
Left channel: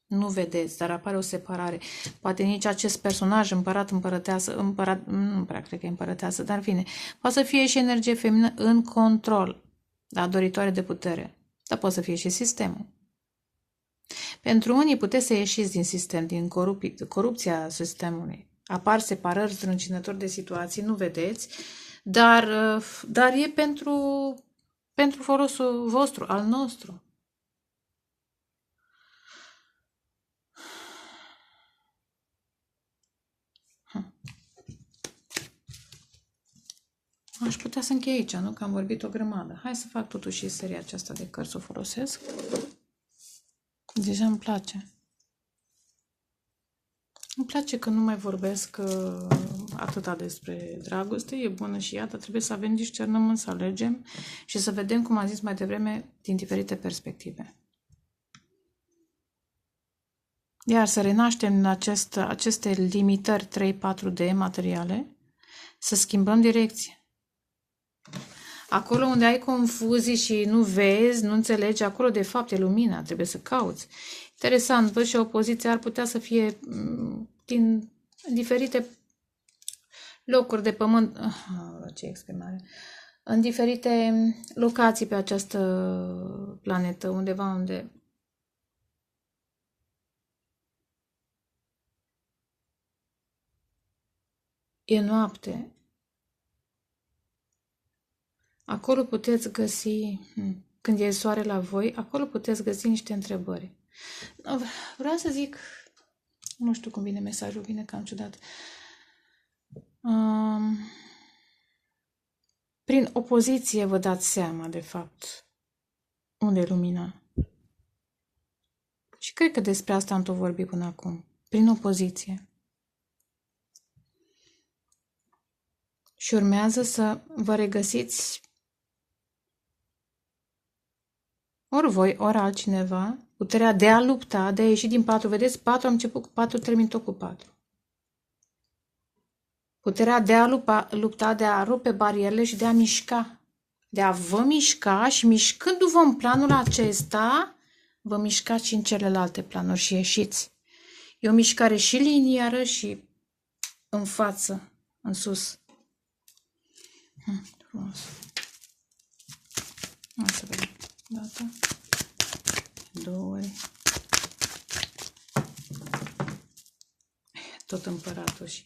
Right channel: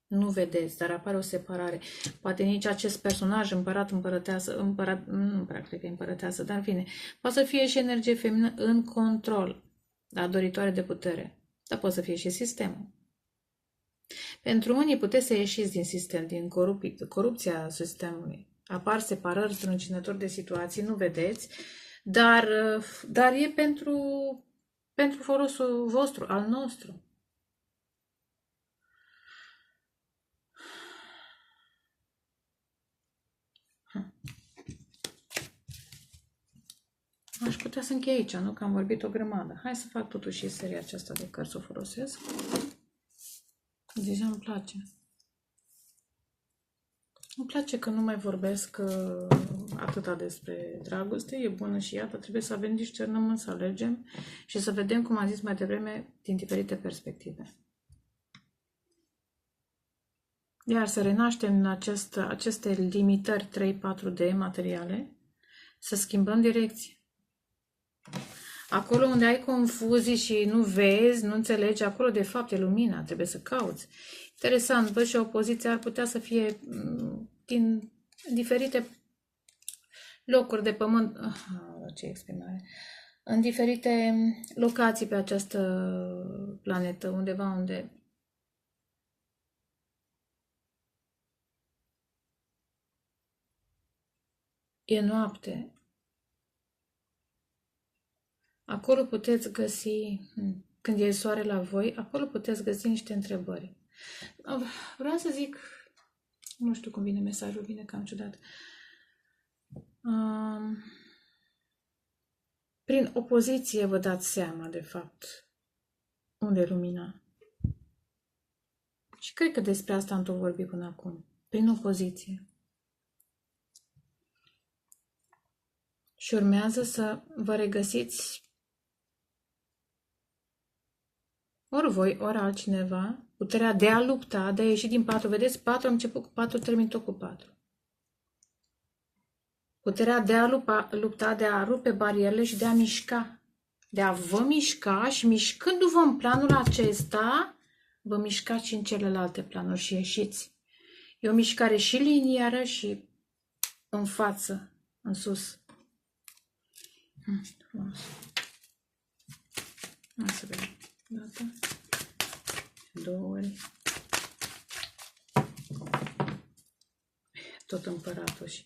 Nu vedeți, dar apare o separare. Poate nici acest personaj, împărat, împărăteasă, nu prea cred că e împărăteasă, dar în fine, poate să fie și energie feminină în control, da, doritoare de putere. Dar poate să fie și sistemul. Pentru unii puteți să ieșiți din sistem, din corupția sistemului. Apar separări, strâncinători de situații, nu vedeți, dar e pentru folosul vostru, al nostru. Aș putea să închei aici, nu? Că am vorbit o grămadă. Hai să fac totuși și seria aceasta de cărți, să o folosesc. Deja îmi place. Îmi place că nu mai vorbesc atâta despre dragoste, e bună și ea, dar trebuie să avem discernământ, să alegem și să vedem, cum am zis mai devreme, din diferite perspective. Iar să renaștem în aceste limitări 3-4D materiale, să schimbăm direcție. Acolo unde ai confuzii și nu vezi, nu înțelegi, acolo de fapt e lumina, trebuie să cauți. Interesant, văd și opoziția ar putea să fie din diferite locuri de pământ, ce exprimare, în diferite locații pe această planetă, undeva unde e noapte. Acolo puteți găsi, când e soare la voi, acolo puteți găsi niște întrebări. Vreau să zic, nu știu cum vine mesajul, vine cam ciudat. Prin opoziție vă dați seama, de fapt, unde e lumina. Și cred că despre asta am tot vorbit până acum. Prin opoziție. Și urmează să vă regăsiți ori voi, ori altcineva, puterea de a lupta, de a ieși din 4. Vedeți, 4 am început cu 4, termin tot cu 4. Puterea de a lupta, de a rupe barierele și de a mișca. De a vă mișca și mișcându-vă în planul acesta, vă mișcați și în celelalte planuri și ieșiți. E o mișcare și liniară și în față, în sus. Frumos. Hai să vedem. Dată. 2 ori. Tot împăratul și...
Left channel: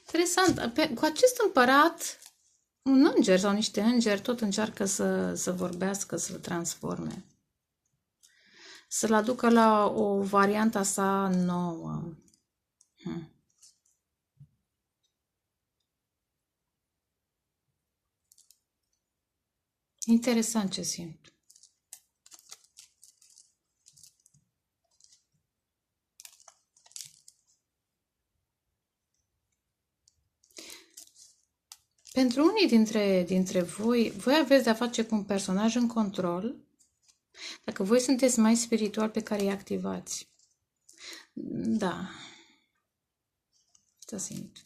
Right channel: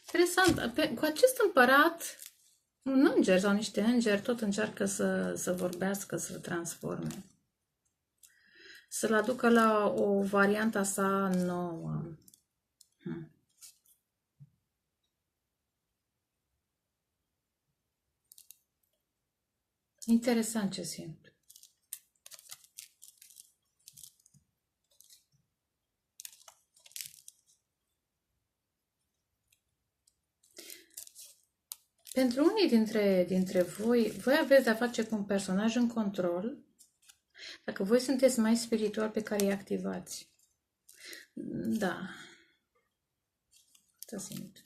Interesant. Cu acest împărat, un înger sau niște îngeri tot încearcă să vorbească, să-l transforme. Să-l aducă la o variantă sa nouă. Interesant ce simt. Pentru unii dintre voi aveți de-a face cu un personaj în control, dacă voi sunteți mai spiritual pe care îi activați. Da. Asta simt.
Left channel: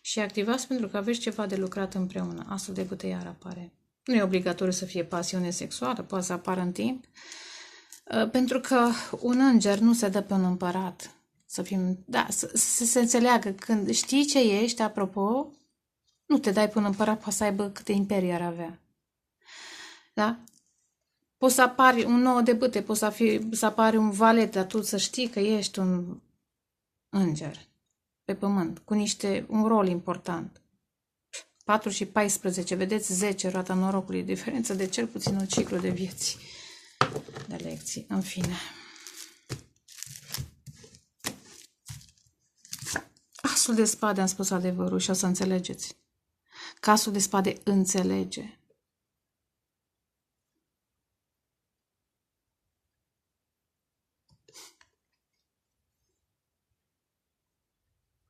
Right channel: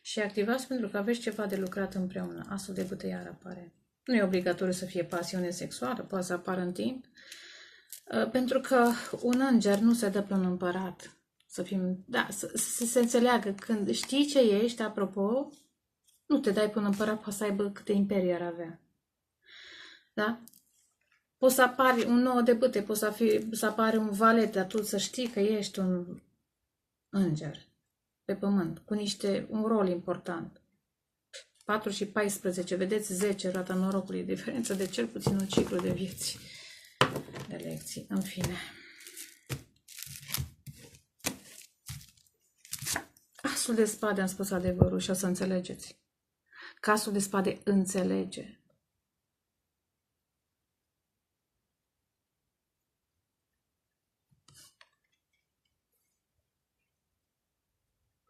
Și activați pentru că aveți ceva de lucrat împreună. Asul de bâte iar apare. Nu e obligatoriu să fie pasiune sexuală, poate să apară în timp. Pentru că un înger nu se dă pe un împărat. Să se înțeleagă. Când știi ce ești, apropo, nu te dai pe un împărat, poate să aibă câte imperii ar avea. Da? Poți să apari un 9 de bâte, poți să apari un valet, dar tu să știi că ești un înger pe pământ, cu un rol important. 4 și 14, vedeți, 10, roata norocului, diferență de cel puțin un ciclu de vieți, de lecții, în fine. Asul de spade am spus adevărul și o să înțelegeți. Că asul de spade înțelege.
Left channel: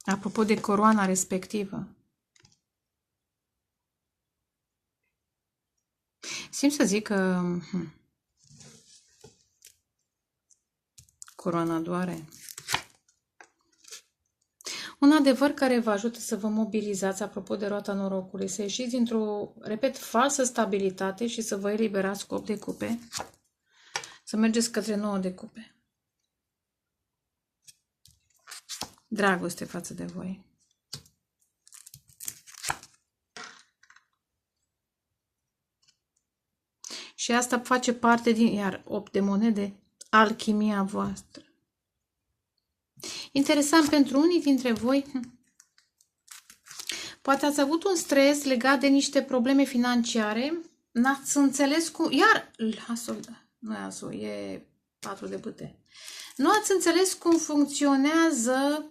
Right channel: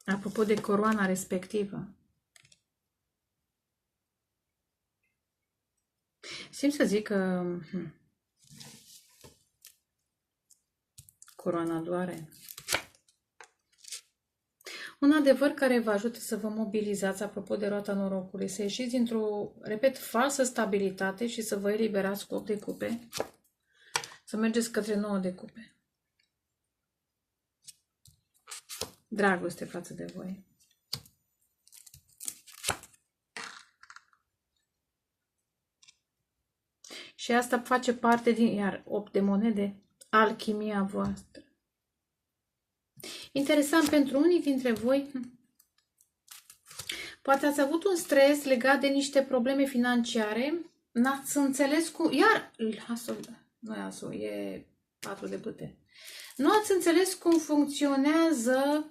Apropo de coroana respectivă. Simt să zic că coroana doare. Un adevăr care vă ajută să vă mobilizați, apropo de roata norocului, să ieșiți dintr-o, repet, falsă stabilitate și să vă eliberați cu 8 de cupe, să mergeți către 9 de cupe. Dragoste față de voi. Și asta face parte din, iar 8 de monede, alchimia voastră. Interesant, pentru unii dintre voi, poate ați avut un stres legat de niște probleme financiare, n-ați înțeles cum, iar, nu e asul, e 4 de bâte. Nu ați înțeles cum funcționează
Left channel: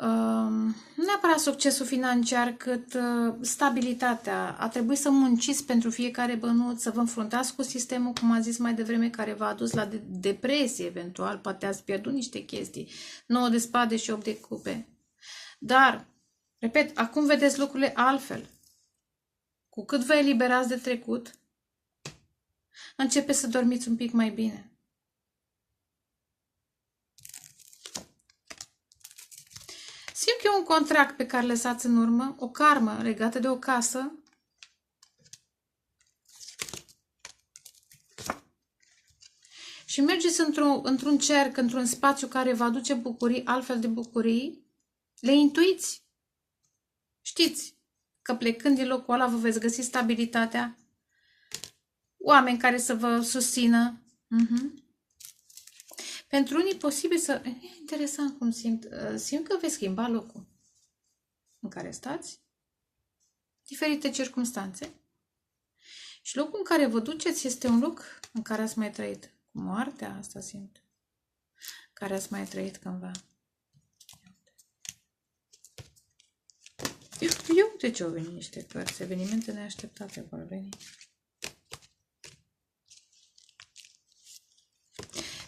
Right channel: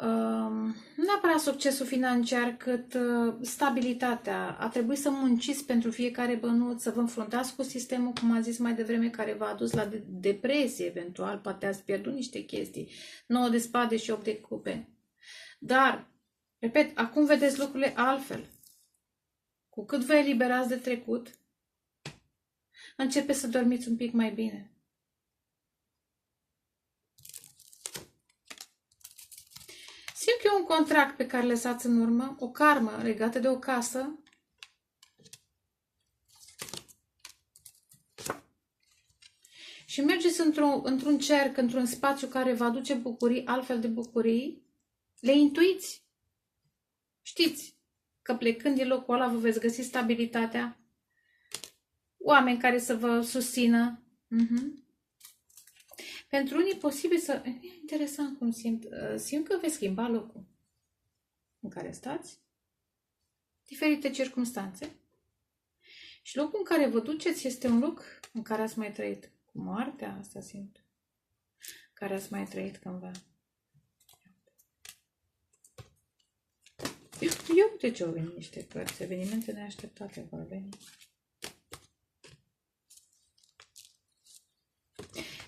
nu neapărat succesul financiar, cât stabilitatea. A trebuit să munciți pentru fiecare bănuț, să vă înfruntați cu sistemul, cum am zis mai devreme, care v-a adus la depresie, eventual, poate ați pierdut niște chestii. 9 de spade și 8 de cupe. Dar, repet, acum vedeți lucrurile altfel. Cu cât vă eliberați de trecut, începeți să dormiți un pic mai bine. Simt că e un contract pe care lăsați în urmă, o karmă legată de o casă. Și mergeți într-un cerc, într-un spațiu care vă aduce bucurii, altfel de bucurii, le intuiți. Știți că plecând din locul ăla vă veți găsi stabilitatea, oameni care să vă susțină. Pentru unii e posibil să... E interesant cum simt că veți schimba locul în care stați, diferite circunstanțe. Și locul în care vă duceți este un loc în care ați mai trăit. Cu moartea asta simt. Care ați mai trăit cândva. Eu de ce au venit niște cărți? Evenimente neașteptate vor veni.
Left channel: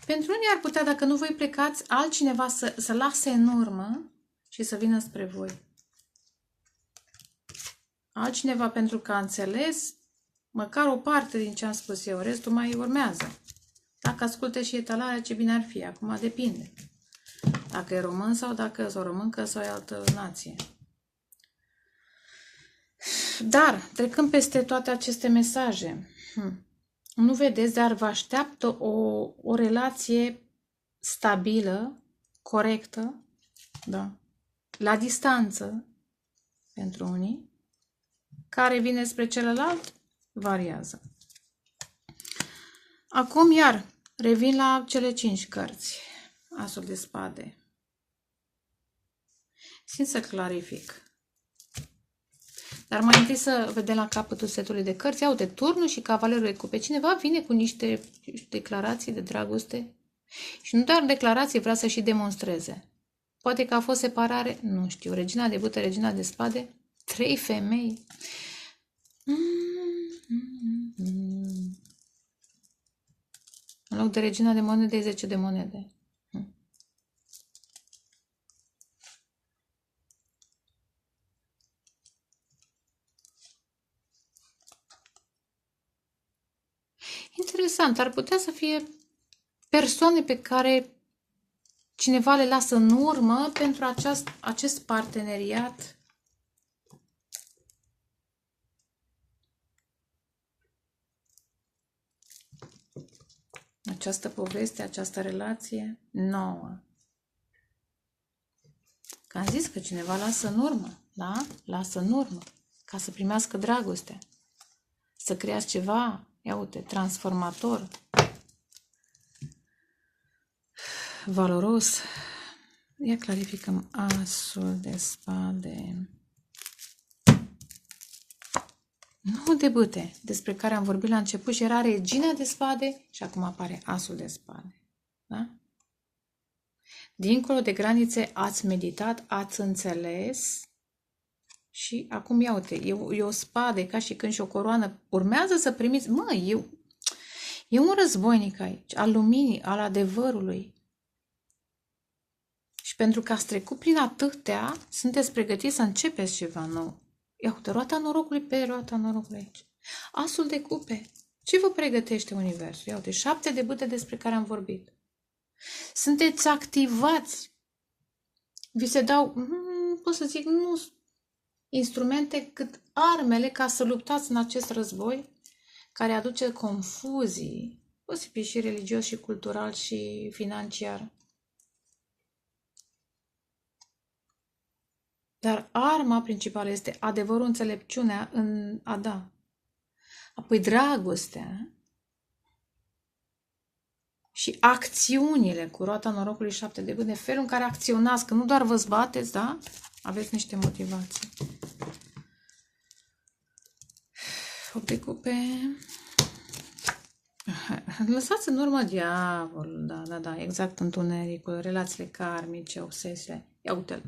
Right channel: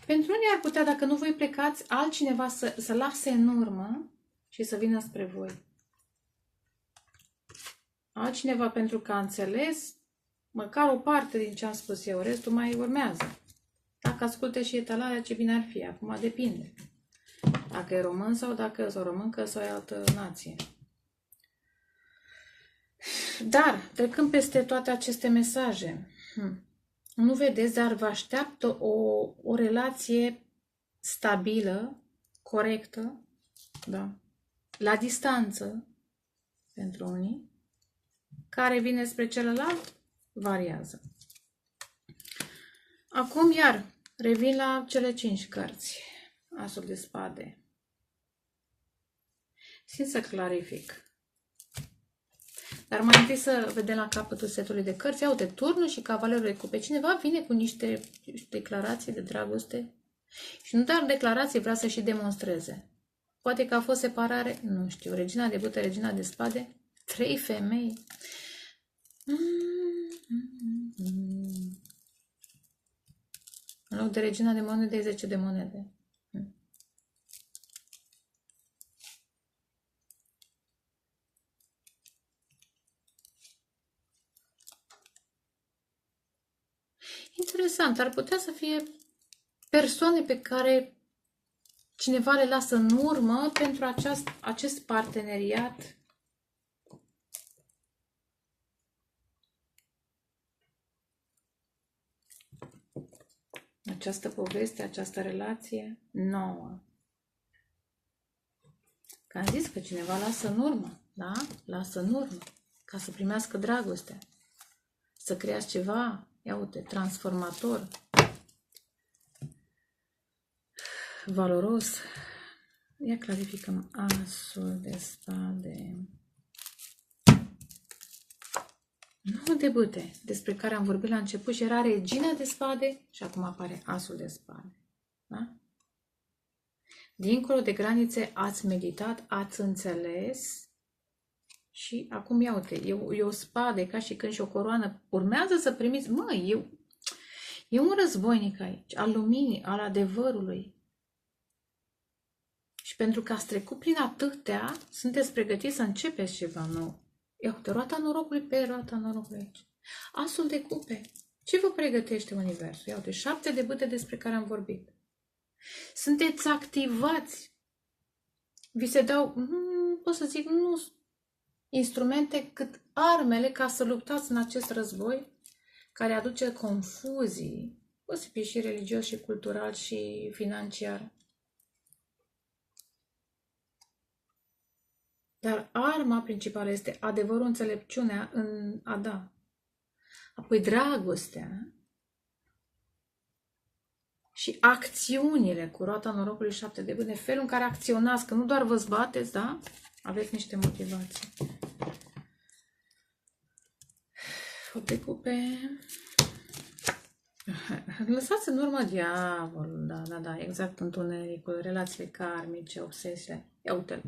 Pentru unii ar putea, dacă nu voi plecați, altcineva să lase în urmă și să vină spre voi. Altcineva pentru că a înțeles măcar o parte din ce am spus eu, restul mai urmează. Dacă asculte și etalarea, ce bine ar fi. Acum depinde. Dacă e român sau dacă e o româncă sau e altă nație. Dar, trecând peste toate aceste mesaje, nu vedeți, dar vă așteaptă o relație stabilă, corectă, da, la distanță, pentru unii, care vine spre celălalt, variază. Acum, iar, revin la cele 5 cărți. Asul de spade. Simt să clarific. Dar mai întâi să vedem la capătul setului de cărți. Iau de turnul și cavalerul de cupe. Cineva vine cu niște declarații de dragoste. Și nu doar declarații, vrea să și demonstreze. Poate că a fost separare, nu știu. Regina de bâte, regina de spade. 3 femei. În loc de regina de monede, 10 de monede. Interesant, ar putea să fie persoane pe care cineva le lasă în urmă pentru acest parteneriat. Această poveste, această relație nouă. Că am zis că cineva lasă în urmă, da? Lasă în urmă, ca să primească dragoste. Să creați ceva, ia uite, transformator, valoros. Ia clarificăm asul de spade. 9 de bâte, despre care am vorbit la început și era regina de spade și acum apare asul de spade. Da? Dincolo de granițe ați meditat, ați înțeles și acum ia uite, e o spadă, e ca și când și o coroană. Urmează să primiți, e un războinic aici, al luminii, al adevărului. Și pentru că ați trecut prin atâtea, sunteți pregătiți să începeți ceva nou. Ia uite, roata norocului pe roata norocului aici. Asul de cupe. Ce vă pregătește Universul? Ia uite, 7 de bâte despre care am vorbit. Sunteți activați. Vi se dau, pot să zic, nu instrumente cât armele ca să luptați în acest război care aduce confuzii, posibil și religios și cultural și financiar. Dar arma principală este adevărul, înțelepciunea în a da. Apoi dragostea și acțiunile cu roata norocului 7 de bâte, felul în care acționați, că nu doar vă zbateți, da? Aveți niște motivații. 8 de cupe. Lăsați în urmă diavolul, da, exact, întunericul, relațiile karmice, obsesiile. Ia uite-l,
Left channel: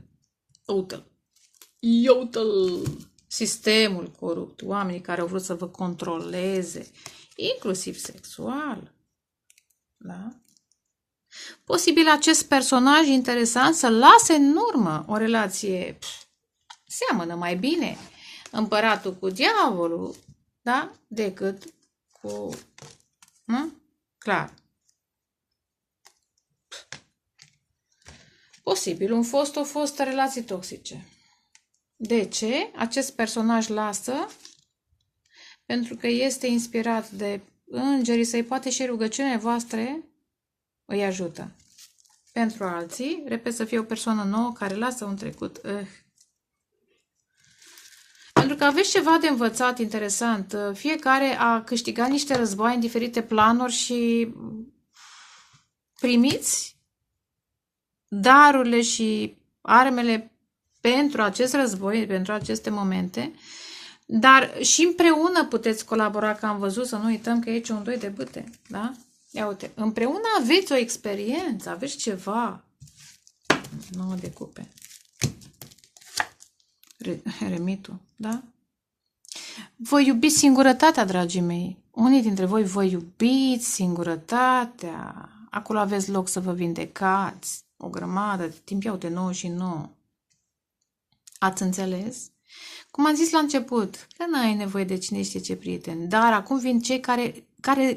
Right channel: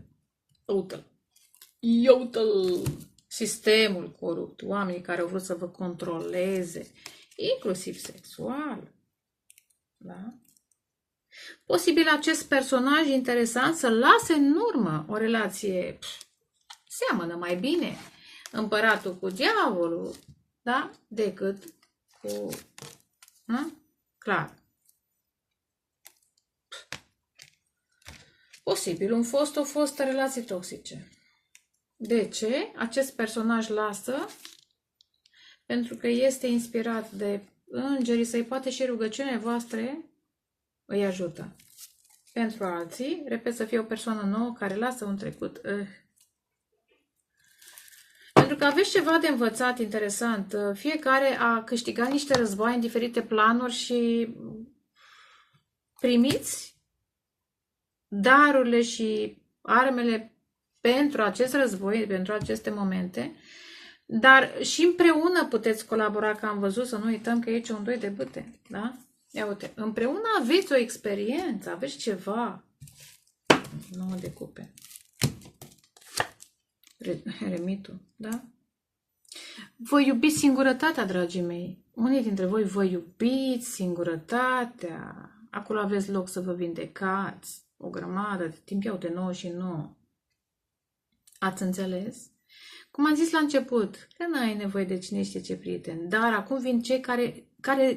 uite-l, ia uite-l. Sistemul corupt, oamenii care au vrut să vă controleze, inclusiv sexual. Da? Posibil acest personaj interesant să lase în urmă o relație, seamănă mai bine împăratul cu diavolul, da? Decât cu... Clar. Posibil un fost, o fostă relații toxice. De ce? Acest personaj lasă pentru că este inspirat de îngerii săi, poate și rugăciunile voastre îi ajută. Pentru alții, repet, să fie o persoană nouă care lasă un trecut. Pentru că aveți ceva de învățat interesant. Fiecare a câștigat niște război în diferite planuri și primiți darurile și armele pentru acest război, pentru aceste momente, dar și împreună puteți colabora, că am văzut, să nu uităm că e aici un 2 de bâte, da? Ia uite, împreună aveți o experiență, aveți ceva. 9 de cupe. Remitul, da? Voi iubiți singurătatea, dragii mei. Unii dintre voi vă iubiți singurătatea. Acolo aveți loc să vă vindecați. O grămadă de timp, iau de 9 și 9. Ați înțeles? Cum am zis la început, că n-ai nevoie de cine știe ce prieten, dar acum vin cei care,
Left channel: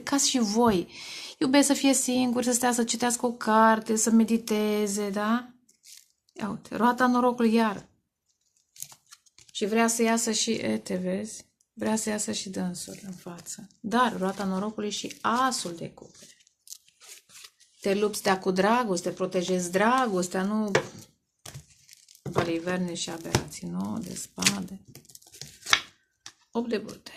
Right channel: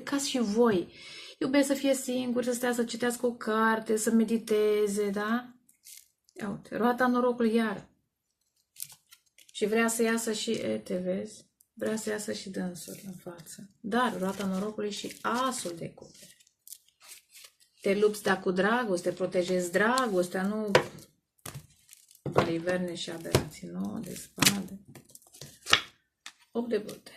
ca și voi, iubesc să fie singuri, să stea să citească o carte, să mediteze, da? Ia uite, roata norocului iar. Și vrea să iasă și, te vezi, vrea să iasă și dânsul în față. Dar roata norocului și asul de cupe. Te lupți de cu dragoste, protejezi dragostea, nu baliverne și aberații, nu, de spade. 8 de bâte.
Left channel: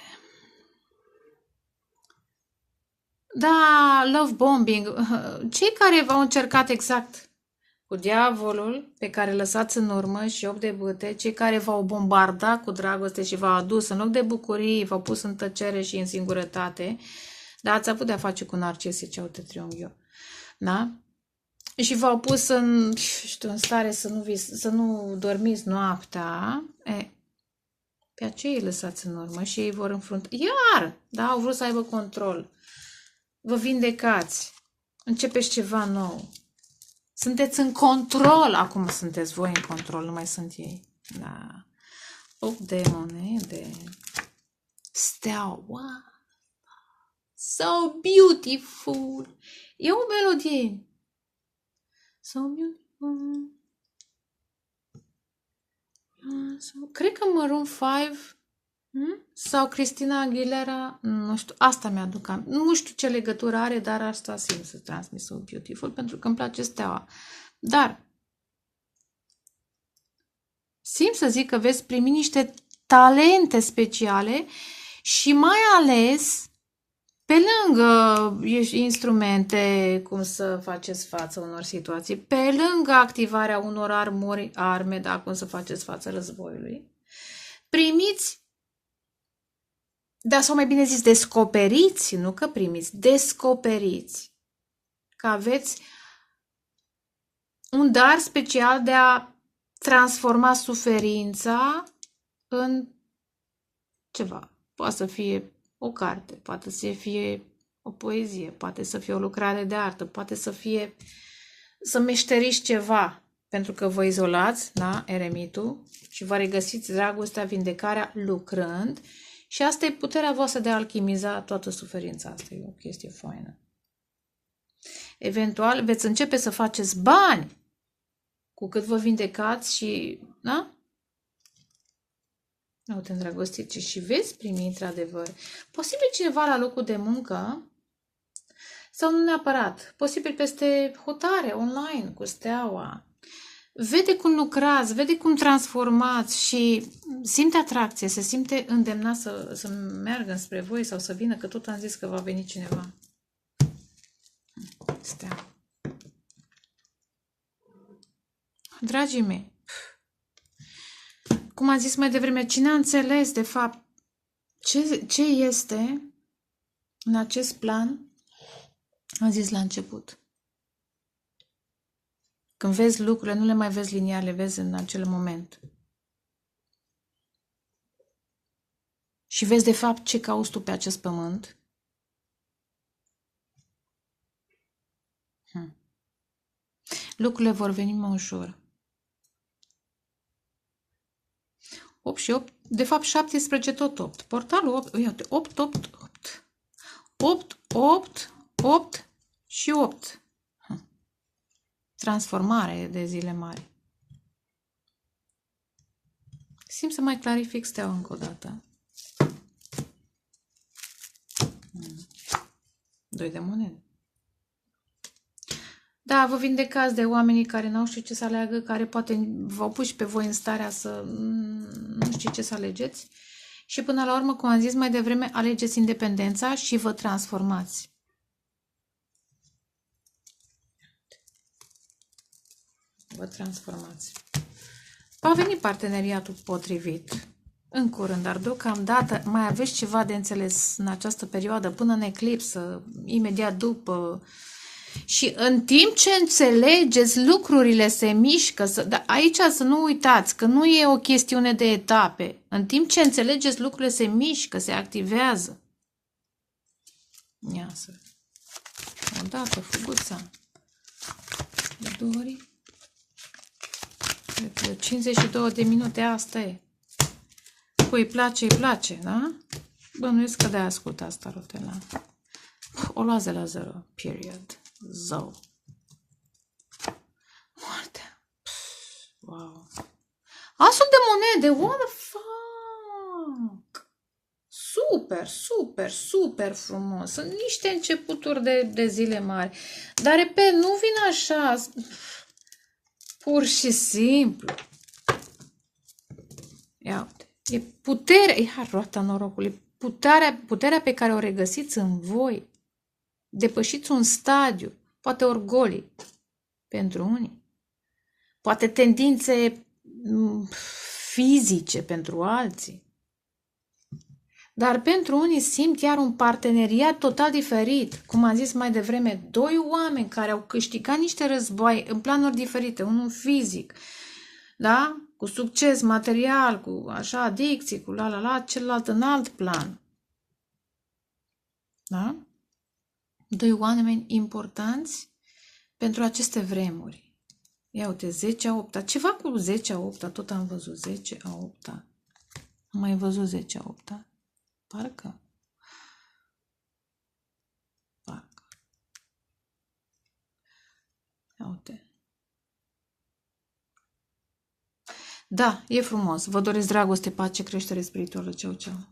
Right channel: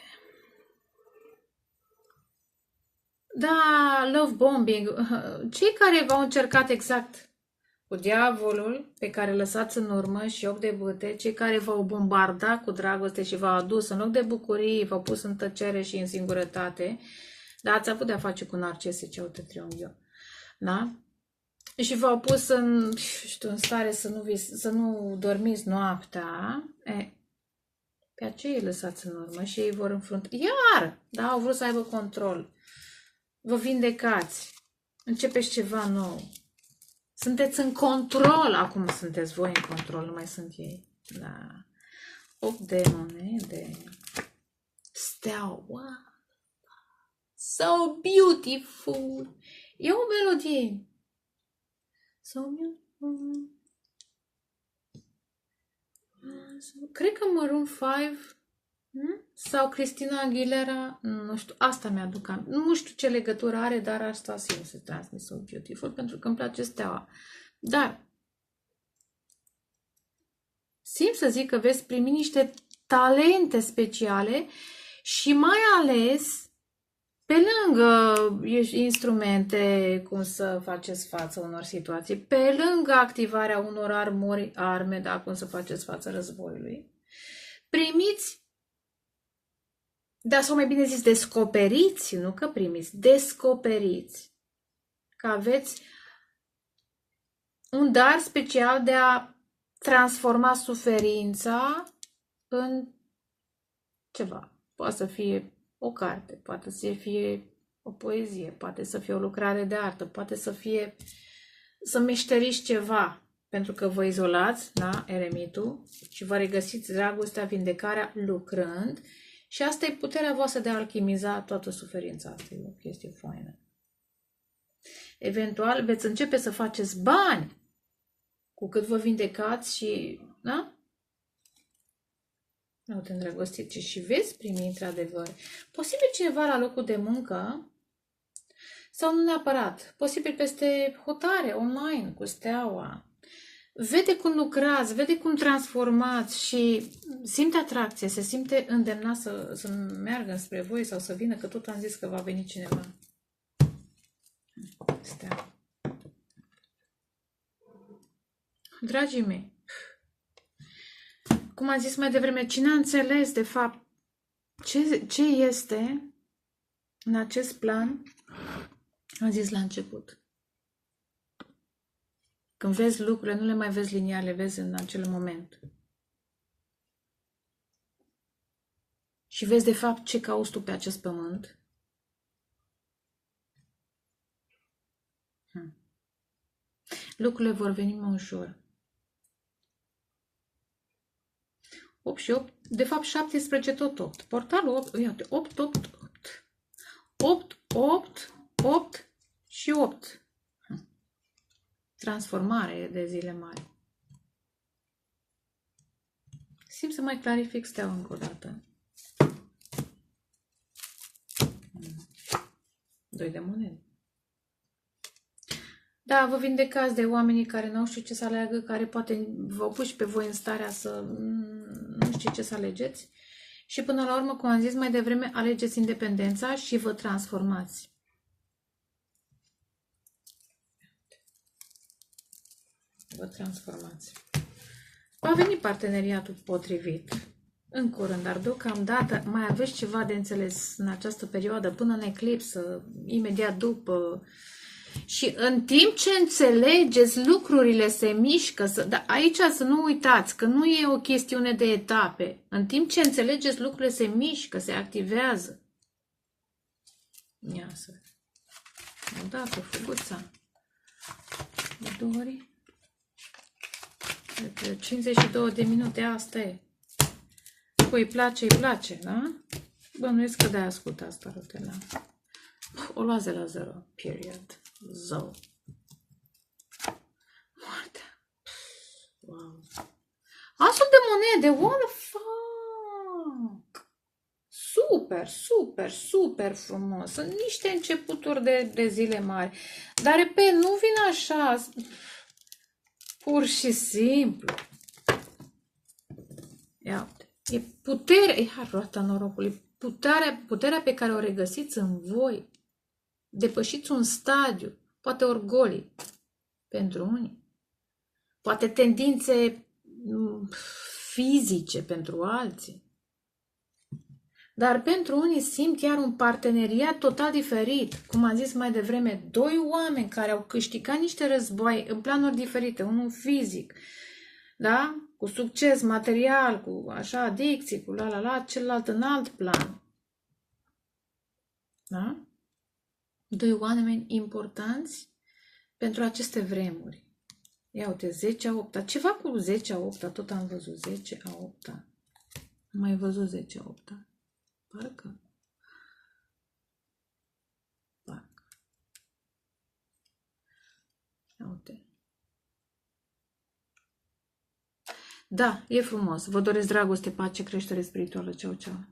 Da, love bombing. Cei care v-au încercat exact cu diavolul pe care lăsați în urmă și 8 de bâte, cei care v-au bombardat cu dragoste și v-au adus în loc de bucurie, v-au pus în tăcere și în singurătate, dar ați avut de-a face cu narcisici, uite triunghiul, da? Și v-au pus în stare să nu dormiți noaptea, pe aceea îi lăsați în urmă și ei vor înfrunta. Iar, da, au vrut să aibă control. Vă vindecați. Începeți ceva nou. Sunteți în control. Acum sunteți voi în control, nu mai sunt ei. Da. 8 de monede. Steaua. So beautiful. E o melodie. So beautiful. Cred că Maroon 5 sau Cristina Aguilera, nu știu, asta mi-aduc. Nu știu ce legătură are, dar asta simt să transmit So Beautiful, pentru că îmi place steaua. Dar simt să zic că veți primi niște talente speciale și mai ales pe lângă instrumente, cum să faceți față unor situații, pe lângă activarea unor arme, da, cum să faceți față războiului, primiți, da, sau mai bine zis, descoperiți, nu că primiți, descoperiți că aveți un dar special de a transforma suferința în ceva. Poate să fie o carte, poate să fie o poezie, poate să fie o lucrare de artă, poate să fie să meșteriți ceva, pentru că vă izolați, da, eremitul, și vă regăsiți dragostea, vindecarea lucrând și asta e puterea voastră de a alchimiza toată suferința. Asta e o chestie faină. Eventual veți începe să faceți bani cu cât vă vindecați și, da? Nu te îndrăgostiți și veți primi într-adevăr. Posibil cineva la locul de muncă sau nu neapărat. Posibil peste hotare, online, cu steaua. Vede cum lucrați, vede cum transformați și simte atracție, se simte îndemnat să meargă spre voi sau să vină, că tot am zis că va veni cineva. Stea. Dragii mei, cum am zis mai devreme, cine a înțeles de fapt ce este în acest plan, am zis la început. Când vezi lucrurile, nu le mai vezi liniar, le vezi în acel moment. Și vezi de fapt ce cauți tu pe acest pământ. Lucrurile vor veni mai ușor. 8 și 8, de fapt 17 tot 8. Portalul 8, uite, 8, 8, 8. 8, 8, 8 și 8. Transformare de zile mari. Simt să mai clarific steaua încă o dată. 2 de monede. Da, vă vindecați de oamenii care n-au știut ce să aleagă, care poate v-au pus pe voi în starea să nu știți ce să alegeți. Și până la urmă, cum am zis mai devreme, alegeți independența și vă transformați. Vă transformați. Va veni parteneriatul potrivit în curând, dar deocamdată mai aveți ceva de înțeles în această perioadă, până în eclipsă, imediat după. Și în timp ce înțelegeți, lucrurile se mișcă. Dar aici să nu uitați că nu e o chestiune de etape. În timp ce înțelegeți, lucrurile se mișcă, se activează. Ia să vedem. O dată, fuguța. De 2 ori. 52 de minute, asta e. Cui îi place, îi place, da? Bănuiesc că de-aia ascultați tarotela. O luați de la 0, period. Zău. Moartea. Wow. Asul de monede, what the fuck? Super, super, super frumos. Sunt niște începuturi de zile mari. Dar, repet, nu vin așa. Pur și simplu. Ia uite. E puterea, e roata norocului, puterea pe care o regăsiți în voi. Depășiți un stadiu, poate orgolii pentru unii, poate tendințe fizice pentru alții. Dar pentru unii simt iar un parteneriat total diferit. Cum am zis mai devreme, 2 oameni care au câștigat niște război în planuri diferite, unul fizic, da? Cu succes material, cu așa adicții, cu celălalt în alt plan. Da? 2 oameni importanți pentru aceste vremuri. Ia uite, 10 a 8-a. Ceva cu 10 a 8-a, tot am văzut 10 a 8-a. Am mai văzut 10 a 8-a. Parcă. Ia uite. Da, e frumos. Vă doresc dragoste, pace, creștere spirituală. Ceau, ceau.